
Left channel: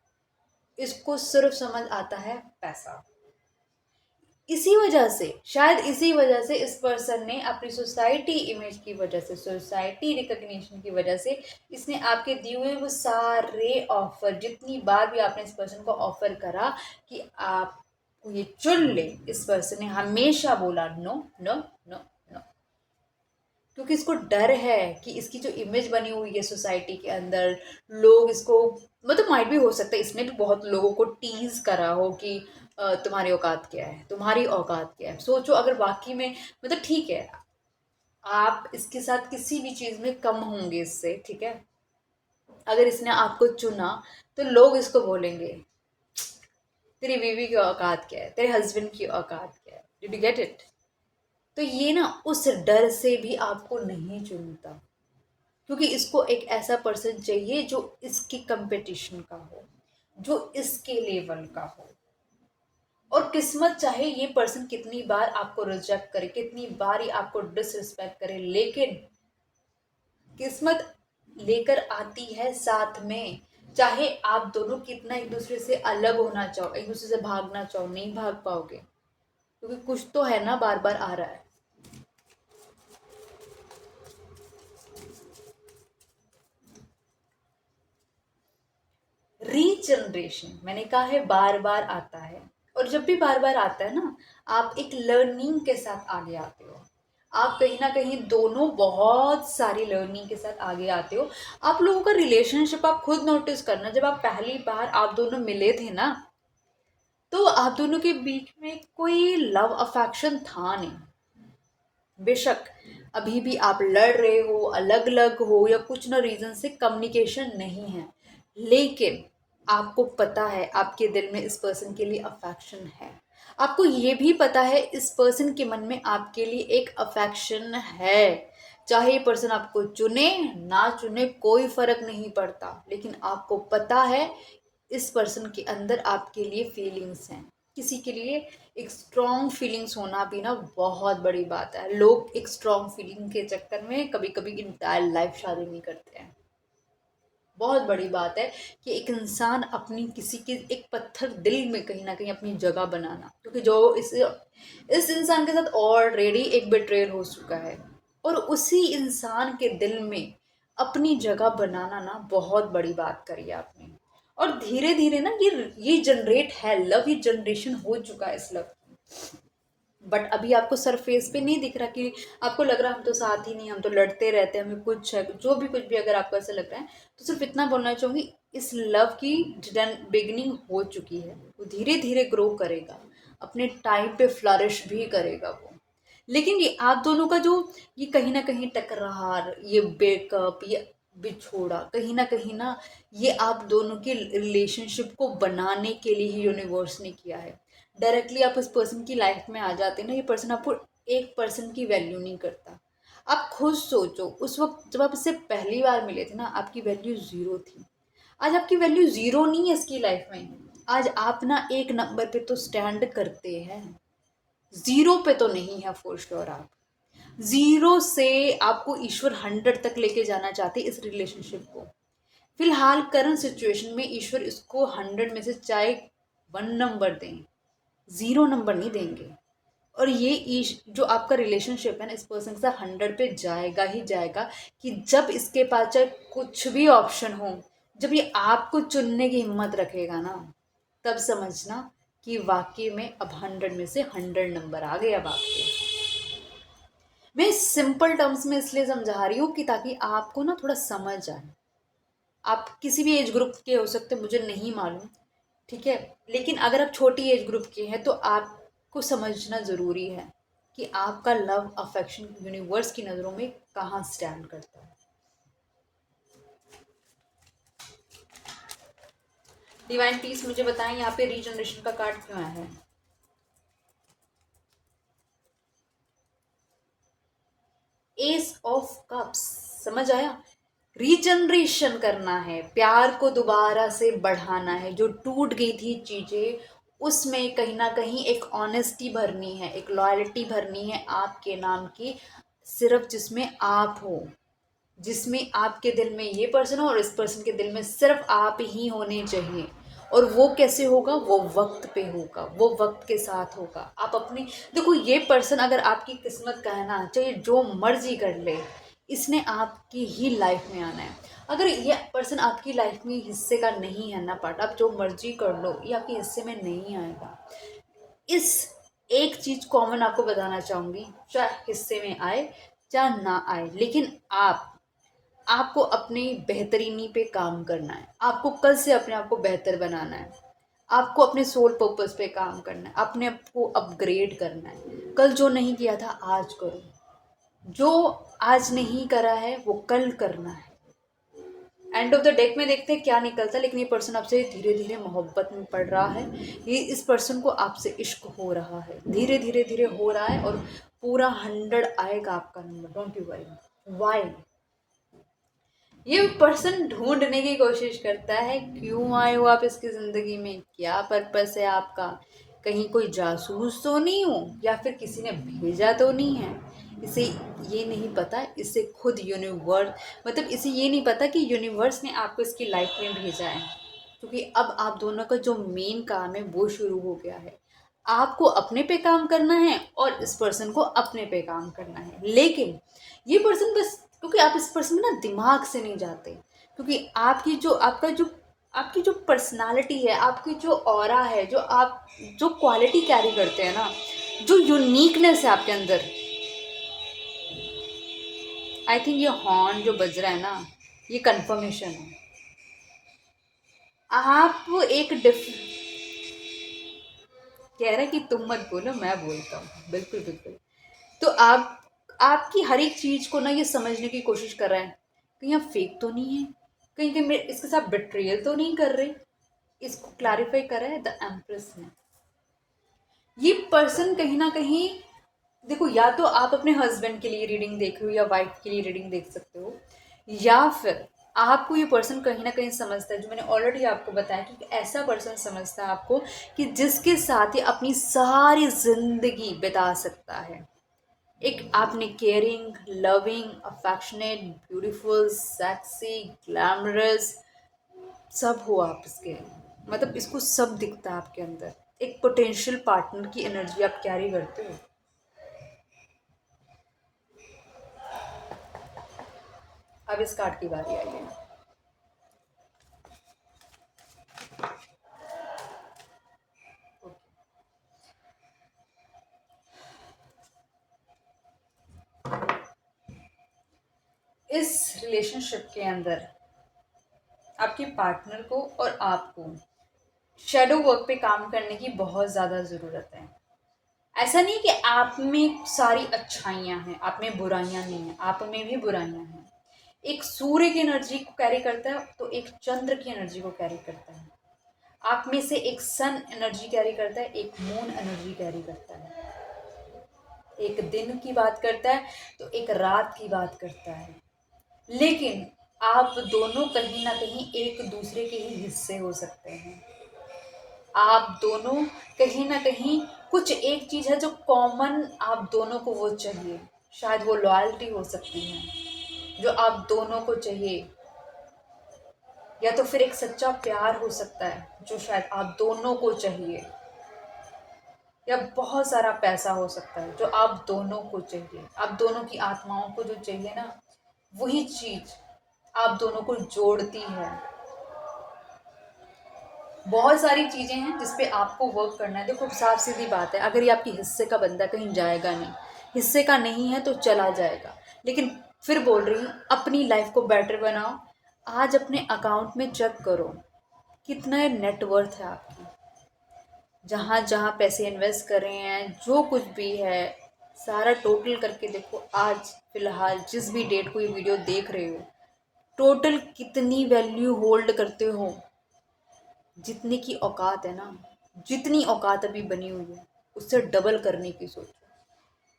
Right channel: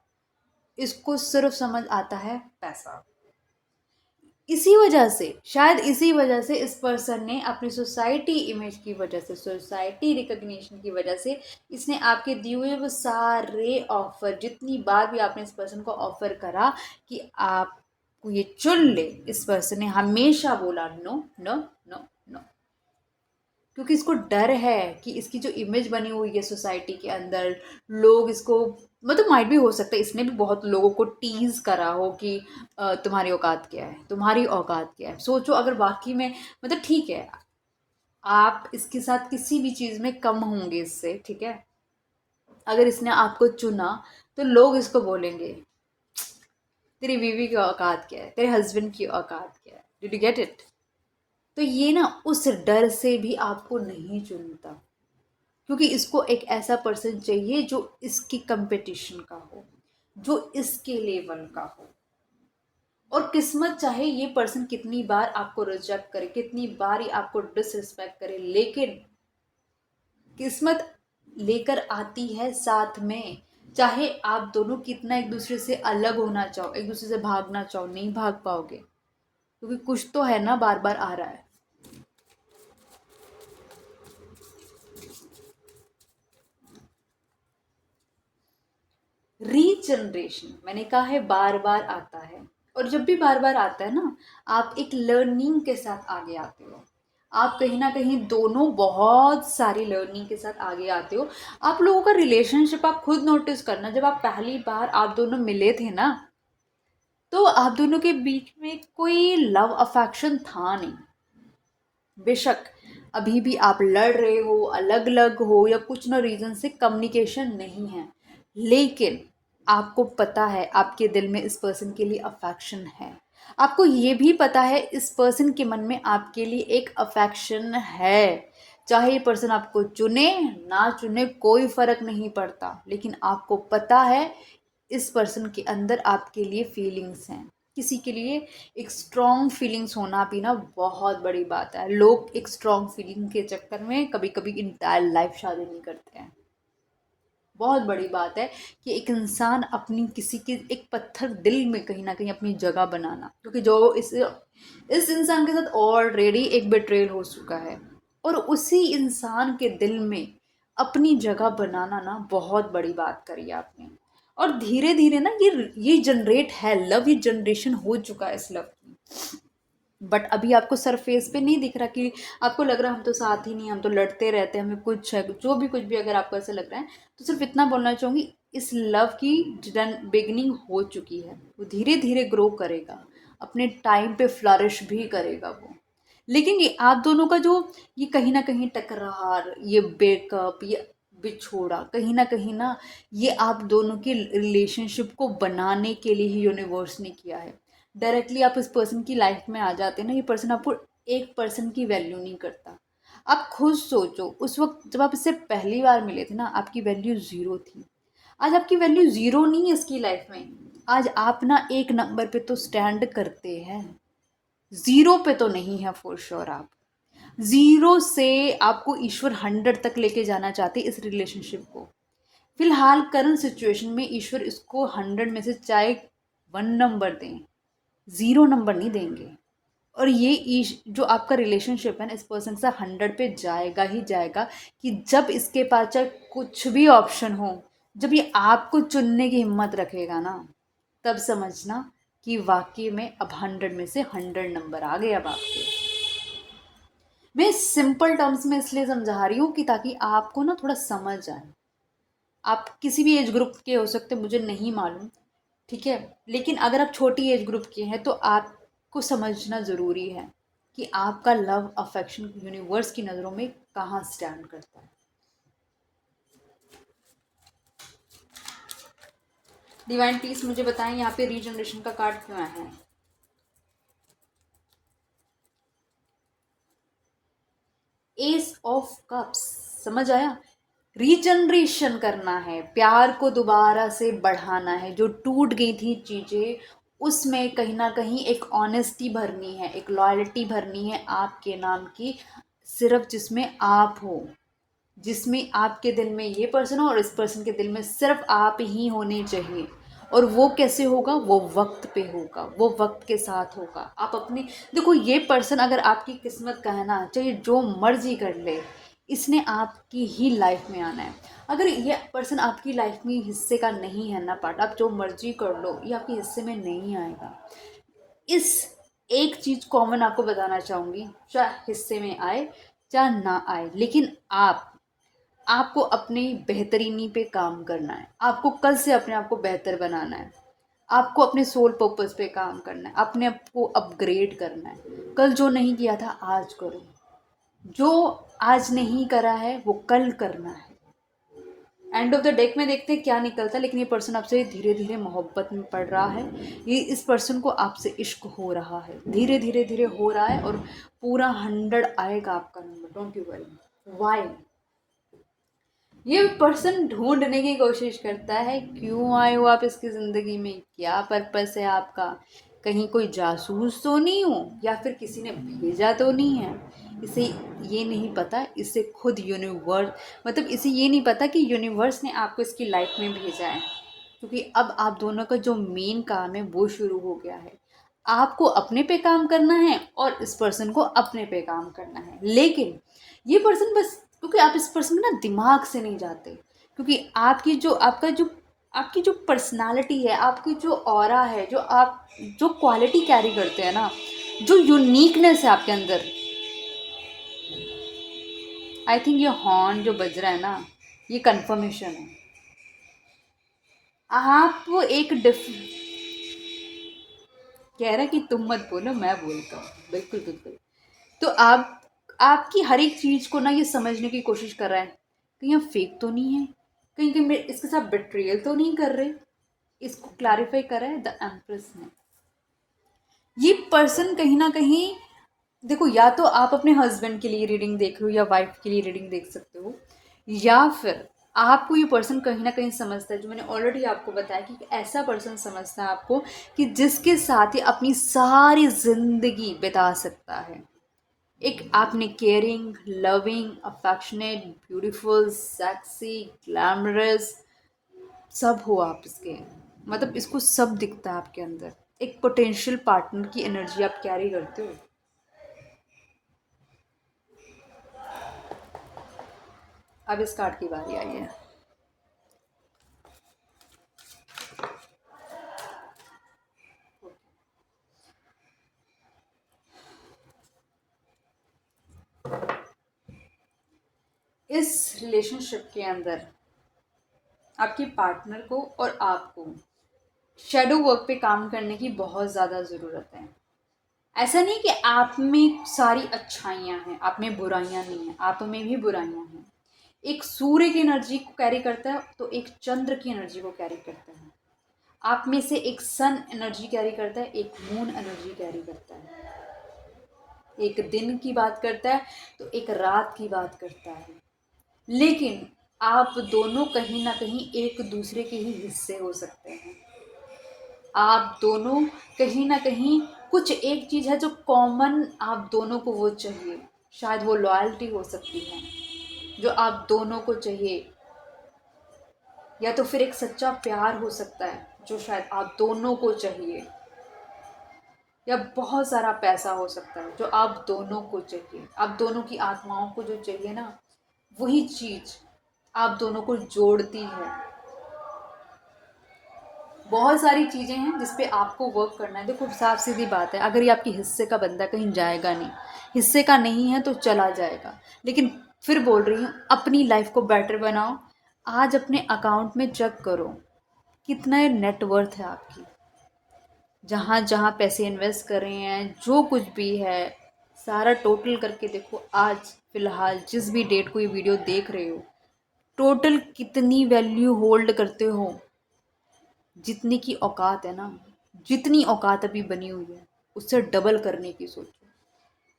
इसको सिर्फ समझ आता है पैसा। इसी वजह से, शायद इसी वजह से इस पर्सन ने अपनी सोसाइटी इमेज की वजह से, सोसाइटी रिकग्निशन की वजह से, इसने आपके दिए हुए वो सारे ऑफर, जितनी बार भी आपने इस पर्सन को ऑफर करा कि आप ये चुन ले, इस पर्सन ने हमेशा बोला नो नो नो नो। क्योंकि इसको डर है कि इसकी जो इमेज बनी हुई है सोसाइटी के अंदर, लोग इसको, मतलब माइट भी हो सकता है इसने भी बहुत लोगों को टीज करा हो कि तुम्हारी औकात क्या है, तुम्हारी औकात क्या है। सोचो अगर वाकई में, मतलब ठीक है, आप इसके साथ किसी भी चीज़ में कम होंगे इससे, ठीक है, अगर इसने आपको चुना तो लोग इसको बोलेंगे तेरी बीवी की औकात क्या है, तेरे हस्बैंड की औकात क्या है। Did you get it? तो ये ना उस डर से भी आपको नहीं चुनता, क्योंकि इसको एक ऐसा पर्सन चाहिए जो इसकी कंपटीशन का हो, जो इसके लेवल का हो। और किस्मत चाहे ये पर्सन कितनी बार आपको रिजेक्ट करे, कितनी बार ही आपको डिसरिस्पेक्ट करे, लेकिन किस्मत लेकर आती है साथ में। चाहे आप दोनों कितना एक दूसरे से अलग होना चाहो, एक दूसरे से भागना चाहो, नहीं भाग पाओगे, क्योंकि कुछ तो है ना बार बार आ रहा है। रीजनरेशन मैंने कहा है बार बार आता है, और जब भी बार बार आता है ना, आप एक लर्निंग के साथ आगे आते हो। आप कहीं ना कहीं दोनों बहुत सारी लर्निंग के साथ आगे आते हो। आप लोगों का रिलेशनशिप आप खुद नोटिस करना, जब आप पहली बार आप दोनों मिले थे ना, तो आप दोनों के बीच में कोई लव अफेक्शन था नहीं। बेशक अभी भी आप लड़ रहे हो, अलग अलग हो, या कुछ ना रीज़न से कम्युनिकेशन नहीं है, लेकिन आपको पता है आपके दिल में इस पर्सन के लिए अफेक्शन है। आपको ये भी पता है इस पर्सन के मन में आपके लिए एक अफेक्शन है। चाहे ये पर्सन आपको चुने ना चुने कोई फर्क नहीं पड़ता, लेकिन आपको पता है इस पर्सन के अंदर आपके लिए फीलिंग्स हैं। किसी के लिए एक स्ट्रॉन्ग फीलिंग्स होना भी ना बहुत बड़ी बात है। लोग एक स्ट्रॉन्ग फीलिंग के चक्कर में कभी कभी इंटायर लाइफ शादी नहीं करते हैं। बहुत बड़ी बात है कि एक इंसान अपनी किसी के एक पत्थर दिल में कहीं ना कहीं अपनी जगह बनाना, क्योंकि जो इस इंसान के साथ ऑलरेडी एक बिट्रेल हो चुका है, और उसी इंसान के दिल में अपनी जगह बनाना ना बहुत बड़ी बात करी आपने। और धीरे धीरे ना ये जनरेट है लव, ये जनरेशन हो चुका है इस लव की। बट अभी आपको सरफेस पे नहीं दिख रहा कि आपको लग रहा है हम तो साथ ही नहीं, हम तो लड़ते रहते हैं, हमें कुछ है, जो भी कुछ भी अगर आपको ऐसा लग रहा है, तो सिर्फ इतना बोलना चाहूँगी, इस लव की बिगनिंग हो चुकी है। वो धीरे धीरे ग्रो करेगा, अपने टाइम पे फ्लरिश भी करेगा वो। लेकिन ये आप दोनों का जो ये कहीं ना कहीं टकरार, ये ब्रेकअप, ये बिछोड़ा, कहीं ना ये आप दोनों की रिलेशनशिप को बनाने के लिए ही यूनिवर्स ने किया है। डायरेक्टली आप इस पर्सन की लाइफ में आ जाते हैं ना, ये पर्सन आपको एक पर्सन की वैल्यू नहीं करता। आप खुद सोचो, उस वक्त जब आप इससे पहली बार मिले थे ना, आपकी वैल्यू ज़ीरो थी। आज आपकी वैल्यू ज़ीरो नहीं है इसकी लाइफ में। आज आप ना एक नंबर पे तो स्टैंड करते हैं, ज़ीरो पे तो नहीं है फॉर श्योर। आप ज़ीरो से आपको ईश्वर 100 तक लेके जाना चाहते इस रिलेशनशिप को। फिलहाल करंट सिचुएशन में ईश्वर इसको 100 में से चाहे 1 नंबर दें, ज़ीरो नंबर नहीं देंगे। और ये जो आपका रिलेशनशिप है ना, इस पर्सन के साथ 100 पे जाएगा ही जाएगा। कि जब इसके पास चाहे कुछ भी ऑप्शन हो, जब ये आपको चुनने की हिम्मत रखेगा ना, तब समझना कि वाकई में अब 100 में से 100 नंबर आ गए अब आपके। मैं सिंपल टर्म्स में इसलिए समझा रही हूँ कि ताकि आपको ना थोड़ा समझ आए। आप किसी भी एज ग्रुप के हो सकते, मुझे नहीं मालूम, ठीक है, लेकिन अगर आप छोटी एज ग्रुप के हैं तो आपको समझना ज़रूरी है कि आपका लव अफेक्शन यूनिवर्स की नज़रों में कहाँ स्टैंड करता है। डिवाइन पीस मुझे बताएं, यहाँ पे रीजनरेशन का कार्ड क्यों आया है? एस ऑफ कप्स, समझ आया? रीजनरेशन करना है, प्यार को दोबारा से बढ़ाना है, जो टूट गई थी चीज़ें उसमें कहीं ना कहीं एक ऑनेस्टी भरनी है, एक लॉयल्टी भरनी है आपके नाम की, सिर्फ जिसमें आप हो, जिसमें आपके दिल में ये पर्सन हो और इस पर्सन के दिल में सिर्फ आप ही होने चाहिए। और वो कैसे होगा? वो वक्त पे होगा, वो वक्त के साथ होगा। आप अपने देखो, ये पर्सन अगर आपकी किस्मत का है ना, चाहे जो मर्जी कर ले, इसने आपकी ही लाइफ में आना है। अगर ये पर्सन आपकी लाइफ में हिस्से का नहीं है ना पार्ट, आप जो मर्जी कर लो, ये आपके हिस्से में नहीं आएगा। इस एक चीज़ कॉमन आपको बताना चाहूँगी, चाहे हिस्से में आए चाहे ना आए, लेकिन आपको अपनी बेहतरीनी पे काम करना है। आपको कल से अपने आप को बेहतर बनाना है। आपको अपने सोल पर्पस पे काम करना है, अपने आप को अपग्रेड करना है। कल जो नहीं किया था आज करो, जो आज नहीं करा है वो कल करना है। एंड ऑफ द डेक में देखते हैं क्या निकलता है, लेकिन ये पर्सन आपसे धीरे धीरे मोहब्बत में पड़ रहा है। ये इस पर्सन को आपसे इश्क हो रहा है, धीरे धीरे धीरे हो रहा है, और पूरा 100 आएगा आपका number, don't you worry. Why? ये पर्सन ढूंढने की कोशिश करता है, क्यों आए हो आप इसकी ज़िंदगी में, क्या पर्पस है आपका, कहीं कोई जासूस तो नहीं हो, या फिर किसी ने भेजा तो नहीं है। इसे ये नहीं पता, इसे खुद यूनिवर्स, मतलब इसे ये नहीं पता कि यूनिवर्स ने आपको इसकी लाइफ में भेजा है। क्योंकि अब आप दोनों का जो मेन काम है वो शुरू हो गया है। आपको अपने पे काम करना है और इस पर्सन को अपने पे काम करना है। लेकिन ये पर्सन बस, क्योंकि आप इस पर्सन में ना दिमाग से नहीं जाते, क्योंकि आपकी जो पर्सनालिटी है, आपकी जो ऑरा है, जो आप जो क्वालिटी कैरी करते हैं ना, जो यूनिकनेस है आपके अंदर। आई थिंक ये हॉर्न जो बज रहा है ना, ये कंफर्मेशन है। आप एक डिफ कह रहे हैं कि तुम मत बोलो, मैं बोलता हूँ, बिल्कुल बिल्कुल। तो आप आपकी हर एक चीज़ को ना ये समझने की कोशिश कर रहा है, कहीं आप फेक तो नहीं है, कहीं कहीं मेरे इसके साथ बिट्रियल तो नहीं कर रहे। इसको क्लैरिफाई करा है द एम्प्रेस ने। ये पर्सन कहीं ना कहीं, देखो, या तो आप अपने हस्बैंड के लिए रीडिंग देख रहे हो या वाइफ के लिए रीडिंग देख सकते हो, या फिर आपको ये पर्सन कहीं ना कहीं समझता है, जो मैंने ऑलरेडी आपको बताया कि ऐसा पर्सन समझता है आपको कि जिसके साथ ही अपनी सारी जिंदगी बिता सकता है। एक आपने caring, loving, affectionate, beautiful, sexy, glamorous सब हो आप इसके, मतलब इसको सब दिखता है आपके अंदर। एक पोटेंशियल पार्टनर की एनर्जी आप कैरी करते हो। अब इस कार्ड की बारी आई है। इस रिलेशनशिप के अंदर आपकी पार्टनर को और आपको शैडो वर्क पे काम करने की बहुत ज़्यादा ज़रूरत है। ऐसा नहीं कि आप में सारी अच्छाइयाँ हैं, आप में बुराइयाँ नहीं हैं, आप में भी बुराइयाँ हैं। एक सूर्य की एनर्जी को कैरी करता है तो एक चंद्र की एनर्जी को कैरी करता है। आप में से एक सन एनर्जी कैरी करता है, एक मून एनर्जी कैरी करता है। एक दिन की बात करता है तो एक रात की बात करता है। लेकिन आप दोनों कहीं ना कहीं एक दूसरे के ही हिस्से हो सकते हैं। आप दोनों कहीं ना कहीं कुछ एक चीज़ है जो कॉमन आप दोनों को वो चाहिए। शायद वो लॉयल्टी हो सकती है जो आप दोनों को चाहिए, या तो फिर एक सच्चा प्यार हो सकता है जो शायद आप दोनों को चाहिए, या बहुत सारा पैसा हो सकता है जो आप दोनों को चाहिए। आप दोनों की आत्माओं को जो चाहिए ना, वही चीज़ आप दोनों को जोड़ती है। बहुत सारी चीज़ें हैं जिस पे आपको वर्क करना है। देखो साफ सीधी बात है, अगर ये आपके हिस्से का बंदा कहीं जाएगा नहीं, हिस्से का नहीं है तो चला जाएगा। लेकिन फिर बोल रही हूँ, अपनी लाइफ को बेटर बनाओ। आज अपने अकाउंट में चेक करो कितना नेटवर्थ है आपकी, जहाँ जहाँ पैसे इन्वेस्ट कर रहे हैं, जो कुछ भी है सारा टोटल करके देखो। आज फिलहाल जिस भी डेट को ये वीडियो देख रहे हो, टोटल कितनी वैल्यू होल्ड करते हो। जितने की औकात है ना, जितनी औकात अभी बनी हुई है उससे डबल करने की सोचो।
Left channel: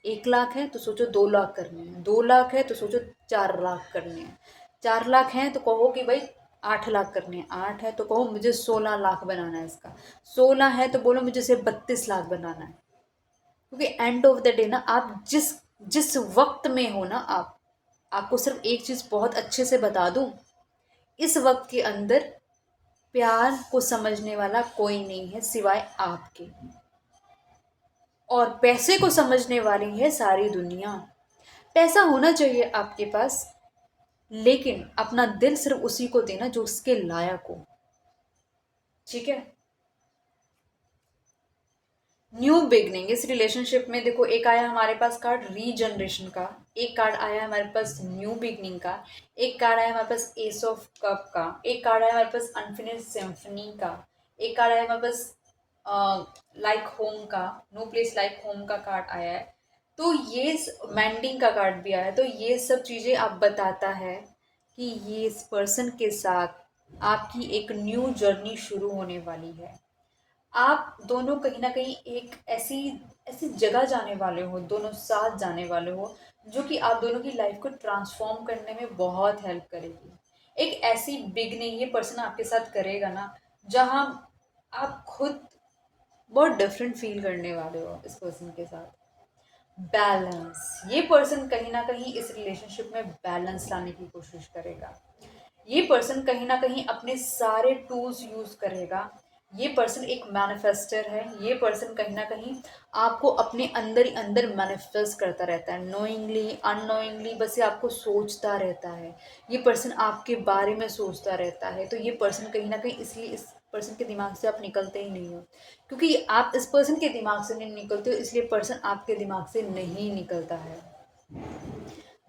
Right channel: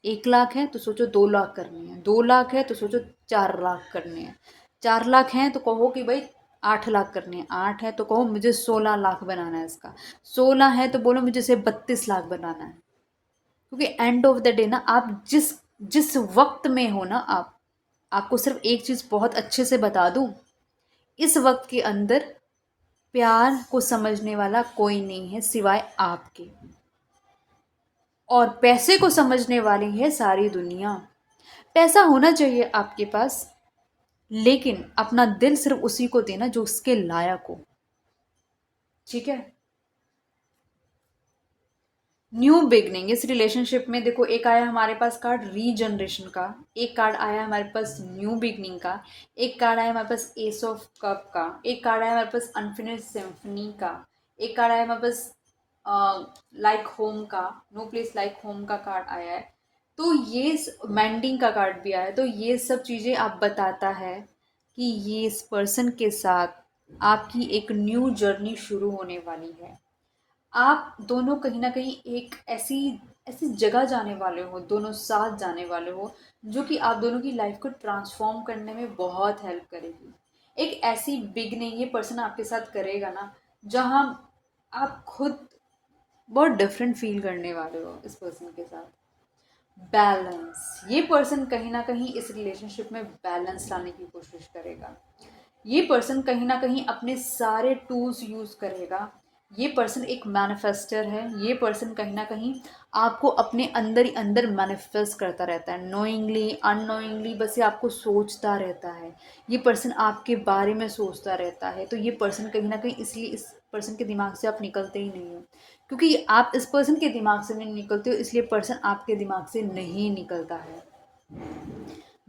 1 लाख है तो सोचो 2 लाख करने हैं, 2 लाख है तो सोचो 4 लाख करने हैं, 4 लाख हैं तो कहो कि भाई 8 लाख करने हैं, 8 है तो कहो मुझे 16 लाख बनाना है इसका, 16 है तो बोलो मुझे से 32 लाख बनाना है। क्योंकि एंड ऑफ द डे ना, आप जिस जिस वक्त में हो ना, आपको सिर्फ एक चीज़ बहुत अच्छे से बता दूं, इस वक्त के अंदर प्यार को समझने वाला कोई नहीं है सिवाय आपके, और पैसे को समझने वाली है सारी दुनिया। पैसा होना चाहिए आपके पास, लेकिन अपना दिल सिर्फ उसी को देना जो उसके लायक हो। ठीक है। न्यू बिगनिंग इस रिलेशनशिप में देखो, एक आया हमारे पास कार्ड रीजनरेशन का, एक कार्ड आया हमारे पास न्यू बिगनिंग का, एक कार्ड आया हमारे पास एस ऑफ कप का, एक कार्ड आया हमारे पास अनफिनिश्ड सिम्फनी का, एक कार्ड आया हमारे पास लाइक होम का, नो प्लेस लाइक होम का कार्ड आया है। तो ये मैंडिंग का कार्ड भी आया है। तो ये सब चीज़ें आप बताता है कि ये इस पर्सन के साथ आपकी एक न्यू जर्नी शुरू होने वाली है। आप दोनों कहीं ना कहीं एक ऐसी ऐसी जगह जाने वाले हो, दोनों साथ जाने वाले हो, जो कि आप दोनों की लाइफ को ट्रांसफॉर्म करने में बहुत हेल्प करेगी। एक ऐसी बिग नहीं ये पर्सन आपके साथ करेगा ना, जहाँ आप खुद बहुत डिफरेंट फील करने वाले हो इस पर्सन के साथ। बैलेंस, ये पर्सन कहीं ना कहीं इस रिलेशनशिप में बैलेंस लाने की कोशिश करेगा। ये पर्सन कहीं ना कहीं अपने सारे टूल्स यूज़ करेगा। ये पर्सन एक मैनिफेस्टर है। ये पर्सन कहीं ना कहीं आपको अपने अंदर ही अंदर मैनिफेस्ट करता रहता है, नोइंगली अननोइंगली, बस ये आपको सोचता रहता है। ये पर्सन आपके बारे में सोचता रहता है। तो ये पर्सन कहीं ना कहीं, इसलिए इस पर्सन के दिमाग से आप निकलते ही नहीं हो, क्योंकि आप इस पर्सन के दिमाग से नहीं निकलते हो, इसलिए पर्सन आपके दिमाग से नहीं निकलता है।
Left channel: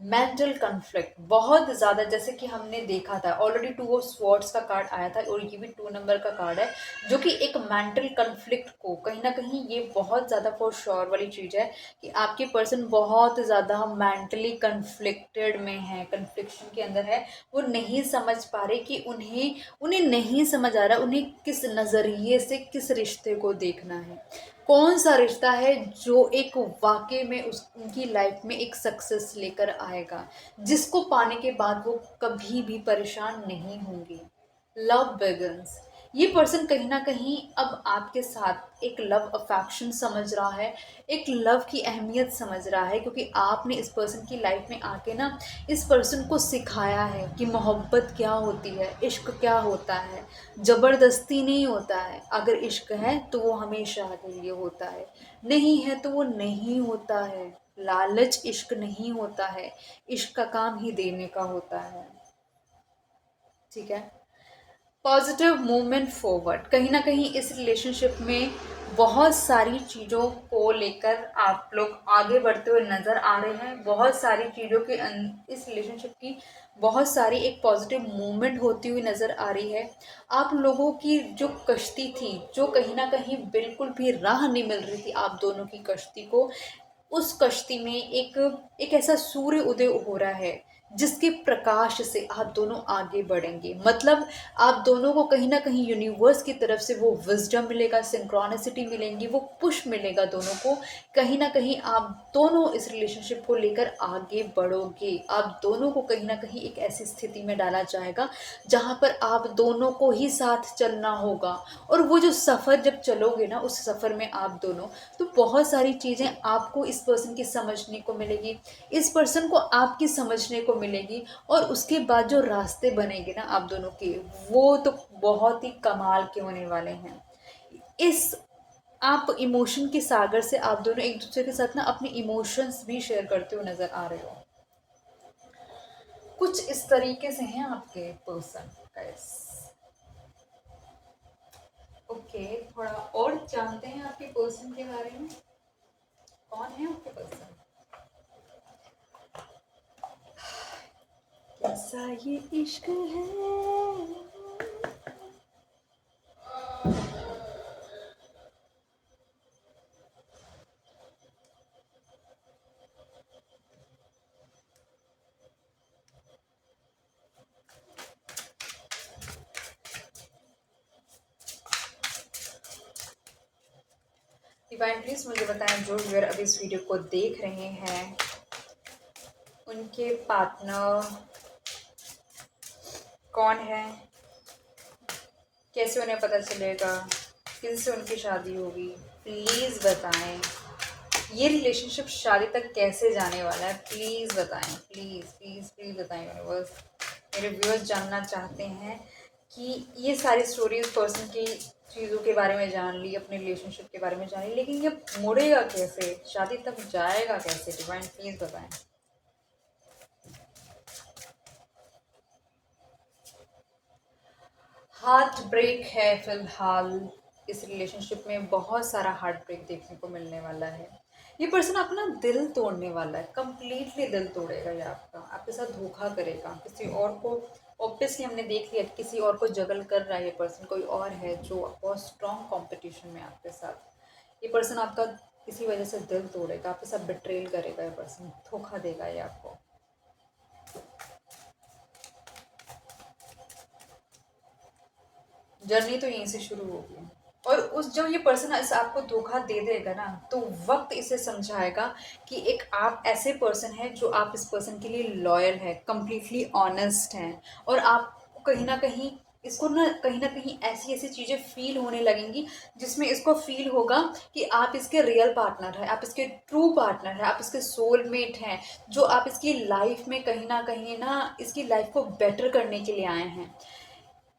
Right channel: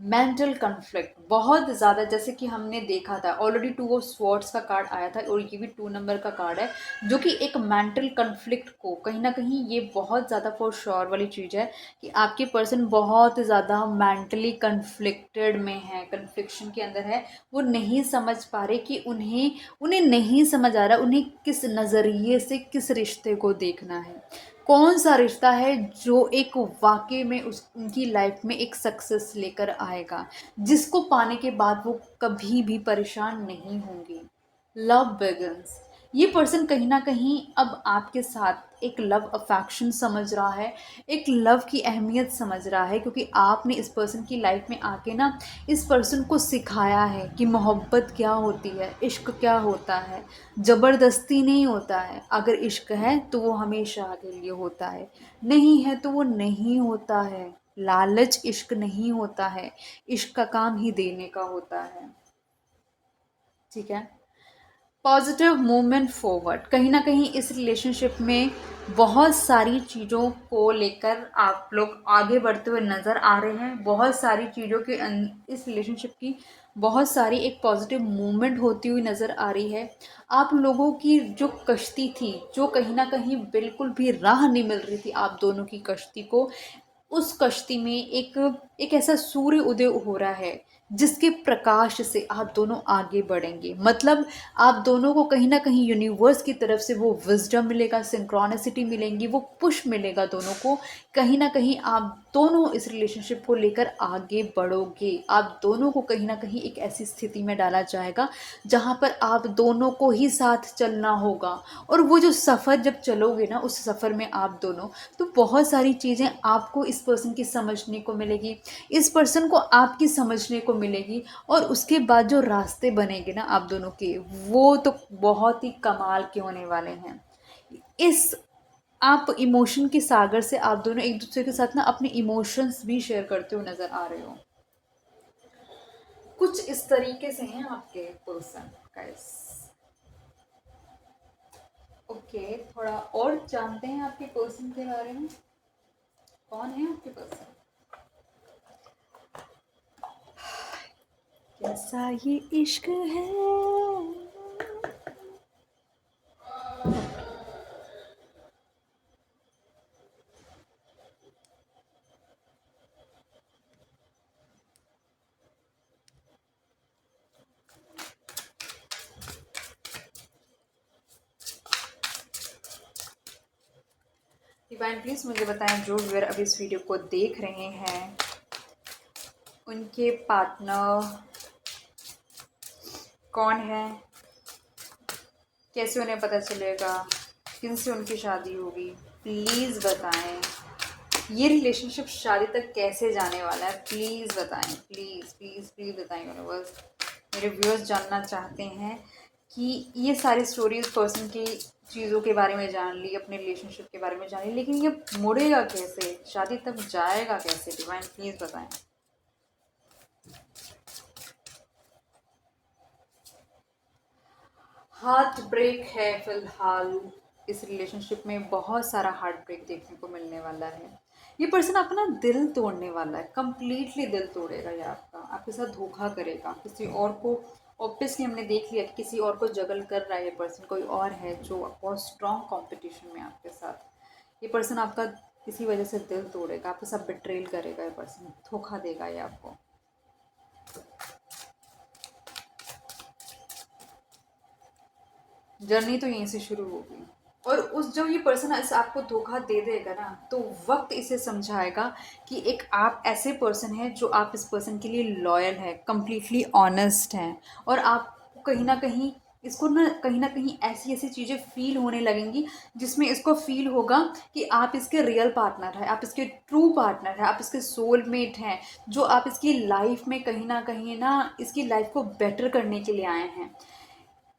मेंटल कन्फ्लिक्ट बहुत ज़्यादा, जैसे कि हमने देखा था ऑलरेडी 2 ऑफ स्वॉर्ड्स का कार्ड आया था, और ये भी 2 नंबर का कार्ड है, जो कि एक मेंटल कन्फ्लिक्ट को कहीं ना कहीं, ये बहुत ज़्यादा फॉर श्योर वाली चीज़ है कि आपके पर्सन बहुत ज़्यादा मेंटली कन्फ्लिक्टेड में है, कन्फ्लिक्शन के अंदर है। वो नहीं समझ पा रहे कि उन्हें उन्हें नहीं समझ आ रहा उन्हें किस नज़रिए से किस रिश्ते को देखना है, कौन सा रिश्ता है जो एक वाकई में उस उनकी लाइफ में एक सक्सेस लेकर आएगा, जिसको पाने के बाद वो कभी भी परेशान नहीं होंगे। लव बिगिंस, ये पर्सन कहीं ना कहीं अब आपके साथ एक लव अफेक्शन समझ रहा है, एक लव की अहमियत समझ रहा है, क्योंकि आपने इस पर्सन की लाइफ में आके ना इस पर्सन को सिखाया है कि मोहब्बत क्या होती है, इश्क क्या होता है। ज़बरदस्ती नहीं होता है, अगर इश्क है तो वो हमेशा के लिए होता है, नहीं है तो वो नहीं होता है। लालच इश्क नहीं होता है, इश्क का काम ही देने का होता है। ठीक है। पॉजिटिव मूवमेंट फॉरवर्ड, कहीं ना कहीं इस रिलेशनशिप में बहुत सारी चीज़ों को लेकर आप लोग आगे बढ़ते हुए नज़र आ रहे हैं। बहुत सारी चीज़ों के इस रिलेशनशिप की बहुत सारी एक पॉजिटिव मूवमेंट होती हुई नज़र आ रही है। आप लोगों की जो कश्ती थी, जो कहीं ना कहीं बिल्कुल भी राह नहीं मिल रही थी आप दोनों की कश्ती को, उस कश्ती में एक ऐसा सूर्य उदय हो रहा है जिसके प्रकाश से आप दोनों आगे बढ़ेंगे। मतलब आप दोनों को कहीं ना कहीं यूनिवर्स की तरफ से वो विजडम मिलेगा, सिंक्रोनिसिटी मिलेंगी, वो पुश मिलेगा दोनों को। कहीं ना कहीं आप दोनों इस रिलेशनशिप को लेकर आगे बढ़ोगे। आप दोनों को कहीं ना कहीं एक ऐसी स्थिति में डाला जाएगा जहां पर आप दोनों को ही साथ चलना होगा। और वो जो सफ़र जब चलोगे ना, उस सफ़र में आप दोनों, तो बहुत सारी चीज़ें आपको इस पर्सन की समझने को मिलेगी, इस पर्सन को आपकी समझने को मिलेगी। और उसके बाद जो रास्ते बनेंगे ना आप दोनों के, वो तो बहुत ही कमाल के होने वाले हैं। इस आप इमोशन के सागर से आप दोनों एक दूसरे के साथ ना अपने इमोशंस भी शेयर करते हुए नजर आ रहे हो। कुछ इस तरीके से हैं आपके पर्सन गाइस। ओके, थोड़ा और जानते हैं आपके पर्सन के बारे में। कौन है आपके पर्सन? कैसा ये इश्क है। डिवाइन प्लीज मुझे बताएं, जो व्यूअर अभी इस वीडियो को देख रहे हैं, उनके पार्टनर कौन है, कैसे उन्हें पता चलेगा, किनसे उनकी शादी होगी, प्लीज़ बताएं। ये रिलेशनशिप शादी तक कैसे जाने वाला है, प्लीज़ बताएं, प्लीज़ प्लीज़ प्लीज़ बताएं यूनिवर्स। मेरे व्यूअर्स जानना चाहते हैं कि ये सारी स्टोरीज पर्सन की चीज़ों के बारे में जान ली, अपने रिलेशनशिप के बारे में जान ली, लेकिन ये मुड़ेगा कैसे, शादी तक जाएगा कैसे? डिवाइन प्लीज़ बताएं। हार्ट ब्रेक है फिलहाल। इस रिलेशनशिप में बहुत सारा हार्ट ब्रेक देखने को मिलने वाला है। ये पर्सन आपका ना दिल तोड़ने वाला है, कंप्लीटली दिल तोड़ेगा ये आपका, आपके साथ धोखा करेगा किसी और को। ऑब्वियसली हमने देख लिया कि किसी और को जगल कर रहा है ये पर्सन, कोई और है जो बहुत स्ट्रॉन्ग कंपटीशन में आपके साथ। ये पर्सन आपका किसी वजह से दिल तोड़ेगा, आपके साथ बिट्रेल करेगा ये पर्सन, धोखा देगा ये आपको। जर्नी तो यहीं से शुरू होगी। और उस जब ये पर्सन इस आपको धोखा दे देगा ना, तो वक्त इसे समझाएगा कि एक आप ऐसे पर्सन हैं जो आप इस पर्सन के लिए लॉयल है, कंप्लीटली ऑनेस्ट हैं। और आप कहीं ना कहीं इसको ना कहीं ऐसी ऐसी चीज़ें फील होने लगेंगी जिसमें इसको फील होगा कि आप इसके रियल पार्टनर हैं, आप इसके ट्रू पार्टनर हैं, आप इसके सोलमेट हैं, जो आप इसकी लाइफ में कहीं ना इसकी लाइफ को बेटर करने के लिए आए हैं।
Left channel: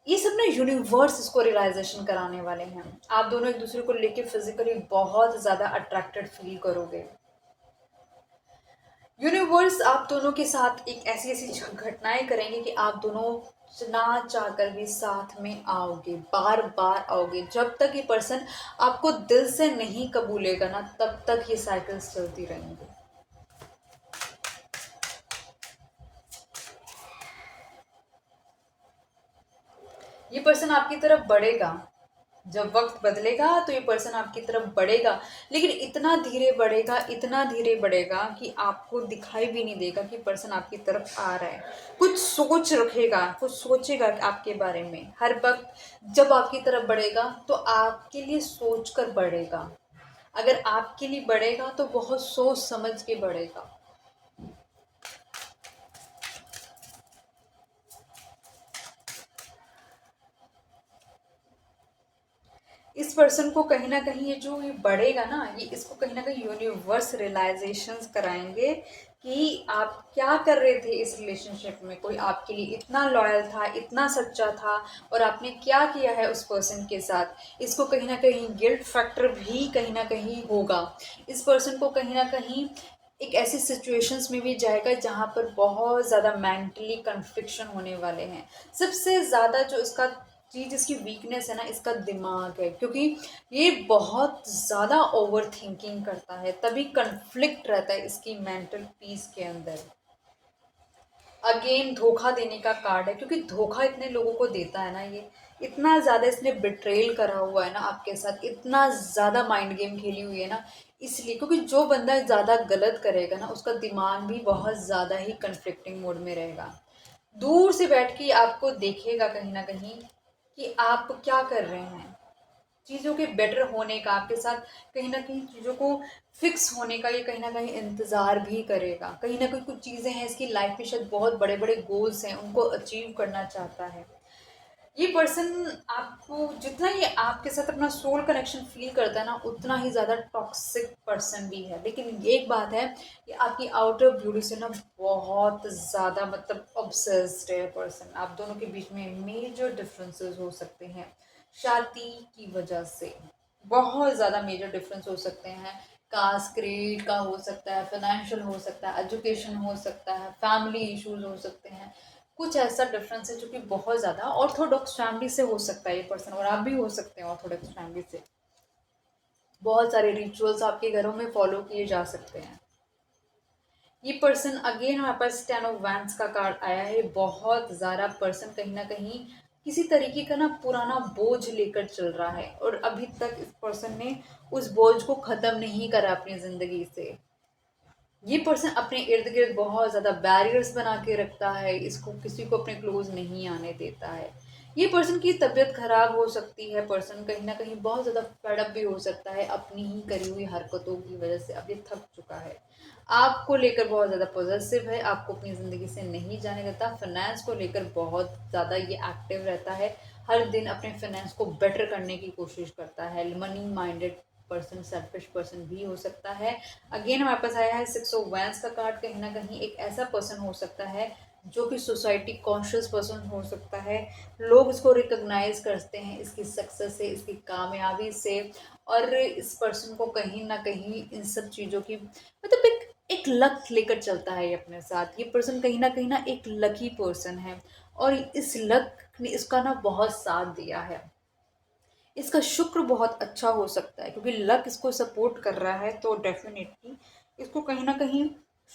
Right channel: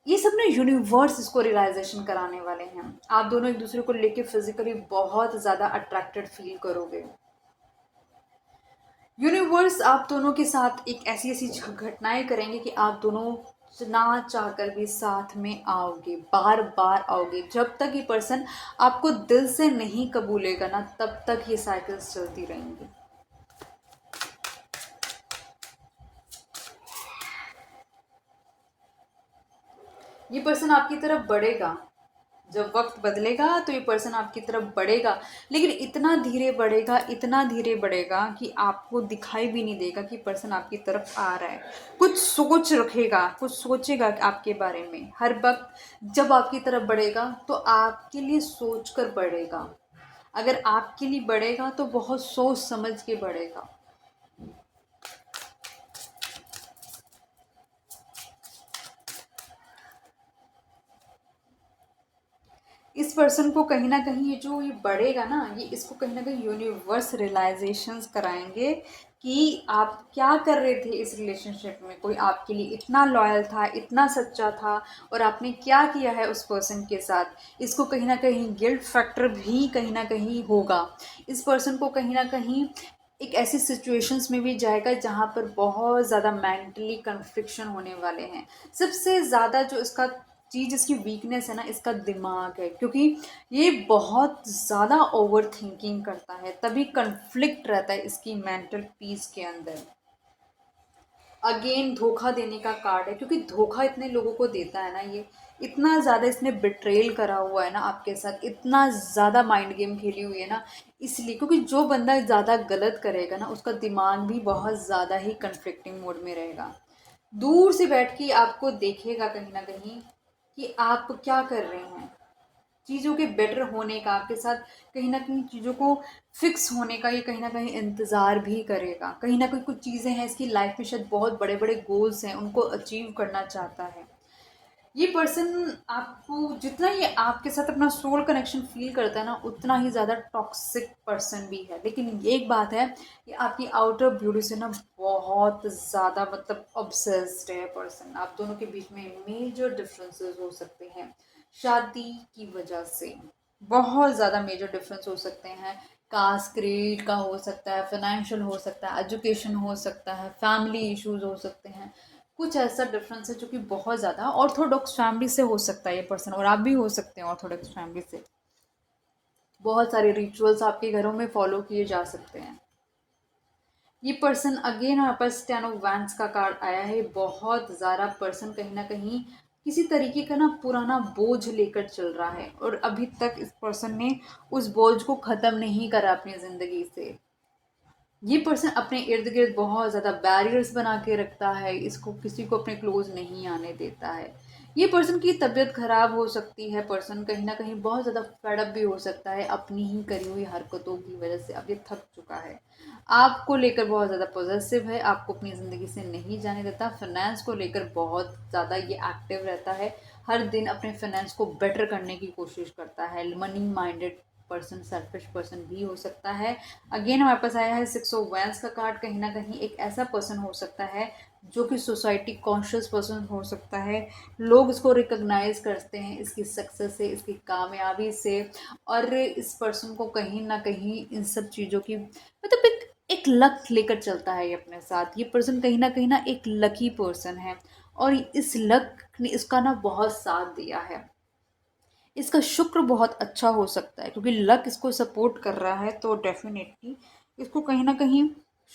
ये सब ना यूनिवर्स इसको रियलाइजेशन कराने वाले हैं। आप दोनों एक दूसरे को लेके फिजिकली बहुत ज़्यादा अट्रैक्टेड फील करोगे। यूनिवर्स आप दोनों के साथ एक ऐसी ऐसी घटनाएं करेंगे कि आप दोनों ना चाहकर भी साथ में आओगे, बार बार आओगे। जब तक ये पर्सन आपको दिल से नहीं कबूलेगा ना, तब तक ये साइकिल्स चलती रहेंगी। ये पर्सन आपकी तरफ बढ़ेगा, जब वक्त बदलेगा तो ये पर्सन आपकी तरफ बढ़ेगा, लेकिन इतना धीरे बढ़ेगा, इतना धीरे बढ़ेगा कि आपको दिखाई भी नहीं देगा कि पर्सन आपकी तरफ आ रहा है। कुछ सोच रखेगा, कुछ सोचेगा आपके बारे में हर वक्त। जब आपकी तरफ बढ़ेगा तो आपके लिए सोच कर बढ़ेगा। अगर आपके लिए बढ़ेगा तो बहुत सोच समझ के बढ़ेगा। इस पर्सन को कहीं ना कहीं ये बढ़ेगा ना, ये इसको कहीं ना कहीं यूनिवर्स रियलाइजेशंस कराएंगे कि आप क्या कर रहे थे इस रिलेशनशिप में। कोई आपके लिए इतना लॉयल था, इतना सच्चा था, और आपने क्या किया है उस पर्सन के साथ। इसको कहीं ना कहीं गिल्ट फैक्टर भी कहीं ना कहीं होगा। इस पर्सन को कहीं ना कहीं एक ऐसी सिचुएशंस में भी जाएगा जहाँ पर बहुत ज़्यादा मेंटली कन्फ्लिक्शन होने वाले हैं। सबसे ज़्यादा जो इसका चीज़, इसकी वीकनेस है ना, इसका दिमाग है, क्योंकि ये बहुत ज़्यादा ओवर थिंकिंग करता है, तभी कन्फ्लिक्ट रहता है इसकी मेंटल पीस के अंदर। अगेन धोखा देने का कार्ड है, क्योंकि धोखा इतने लोगों को देता है ना, ये इतना ज़्यादा इसने बिट्रेल करा हुआ है ना आपके साथ, इतना ज़्यादा माइंड गेम खेली हुई है ना, इसलिए क्योंकि जो बंदा ज़्यादा गलत करेगा ना, उसका दिमाग भी बहुत ज़्यादा ही कन्फ्लिक्टिंग मोड में रहेगा। दूर से बैठ के आपको देखेगा कहीं ना कहीं कि आप क्या कर रहे हैं, चीज़ों के बेटर होने का, आपके साथ कहीं न कहीं चीज़ों को फिक्स होने का ये कहीं न कहीं इंतज़ार भी करेगा। कहीं न कहीं कुछ चीज़ें हैं इसकी लाइफ़ में, शायद बहुत बड़े-बड़े गोल्स हैं, उनको अचीव करना चाहता है। ये पर्सन आपको जितना ये आपके साथ अपना सोल कनेक्शन फ़ील करता है ना, उतना ही ज़्यादा टॉक्सिक पर्सन भी है। लेकिन एक बात है कि आपकी आउटर ब्यूटी से ना बहुत ज़्यादा मतलब ऑब्सेस्ड है पर्सन। आप दोनों के बीच में मेजर डिफरेंसेस हो सकते हैं शादी की वजह से। बहुत ज़्यादा मेजर डिफरेंस हो सकते हैं। कास्ट क्रीड का हो सकता है, फाइनेंशियल हो सकता है, एजुकेशन हो सकता है, फैमिली इश्यूज हो सकते हैं। कुछ ऐसा डिफरेंस है जो कि बहुत ज़्यादा ऑर्थोडॉक्स फैमिली से हो सकता है ये पर्सन, और आप भी हो सकते हैं ऑर्थोडॉक्स फैमिली से। बहुत सारे रिचुअल्स आपके घरों में फॉलो किए जा सकते हैं। ये पर्सन अगेन हमारे पास टेन ऑफ वैंड्स का कार्ड आया है। बहुत ज़्यादा पर्सन कहीं ना कहीं किसी तरीके का ना पुराना बोझ लेकर चल रहा है, और अभी तक इस पर्सन ने उस बोझ को ख़त्म नहीं करा अपनी ज़िंदगी से। ये पर्सन अपने इर्द गिर्द बहुत ज़्यादा बैरियर्स बना के रखता है, इसको किसी को अपने क्लोज नहीं आने देता है। ये पर्सन की तबीयत खराब हो सकती है, पर्सन कहीं ना कहीं बहुत ज़्यादा फेडअप भी हो सकता है अपनी ही करी हुई हरकतों की वजह से। अब ये थक चुका है, आपको लेकर बहुत ज़्यादा पॉजिटिव है, आपको अपनी ज़िंदगी से नहीं जाने देता। फाइनेंस को लेकर बहुत ज़्यादा ये एक्टिव रहता है, हर दिन अपने फाइनेंस को बेटर करने की कोशिश करता है। Money minded person, selfish person भी हो सकता है। अगेन हमारे पास आया है सिक्स ऑफ वैंड्स का कार्ड। कहीं ना कहीं एक ऐसा पर्सन हो सकता है जो कि सोसाइटी कॉन्शियस पर्सन हो सकता है। लोग इसको रिकॉग्नाइज करते हैं इसकी सक्सेस से, इसकी कामयाबी से, और इस पर्सन को कहीं ना कहीं इन सब चीज़ों की मतलब एक लक लेकर चलता है ये अपने साथ। ये पर्सन कहीं ना एक लकी पर्सन है, और इस लक ने इसका ना बहुत साथ दिया है। इसका शुक्र बहुत अच्छा हो सकता है, क्योंकि लक इसको सपोर्ट कर रहा है, तो डेफिनेटली इसको कहीं ना कहीं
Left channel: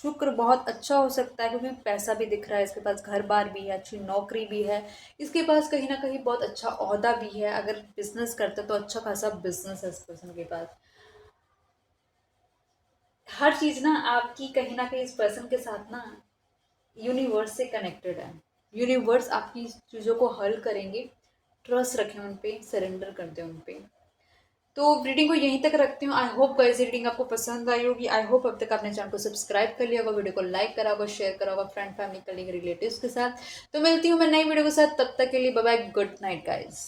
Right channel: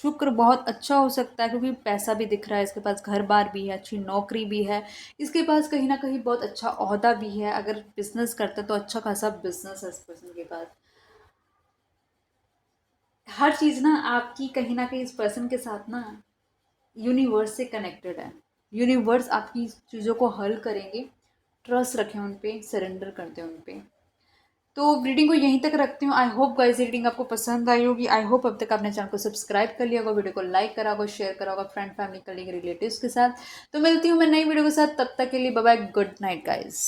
शुक्र बहुत अच्छा हो सकता है, क्योंकि पैसा भी दिख रहा है इसके पास, घर बार भी है, अच्छी नौकरी भी है, इसके पास कहीं ना कहीं बहुत अच्छा ओहदा भी है। अगर बिजनेस करता है तो अच्छा खासा बिजनेस है इस पर्सन के पास। हर चीज़ ना आपकी कहीं ना कहीं इस पर्सन के साथ ना यूनिवर्स से कनेक्टेड है। यूनिवर्स आपकी चीज़ों को हल करेंगे। ट्रस्ट रखें उन पे, सरेंडर कर दें उन पे। तो रीडिंग को यहीं तक रखती हूँ। आई होप गाइस रीडिंग आपको पसंद आई होगी। आई होप अब तक आपने चैनल को सब्सक्राइब कर लिया होगा, वीडियो को लाइक करा होगा, शेयर करा होगा फ्रेंड फैमिली कलीग रिलेटिव्स के साथ। तो मिलती हूँ मैं नई वीडियो के साथ, तब तक के लिए bye bye, good night guys.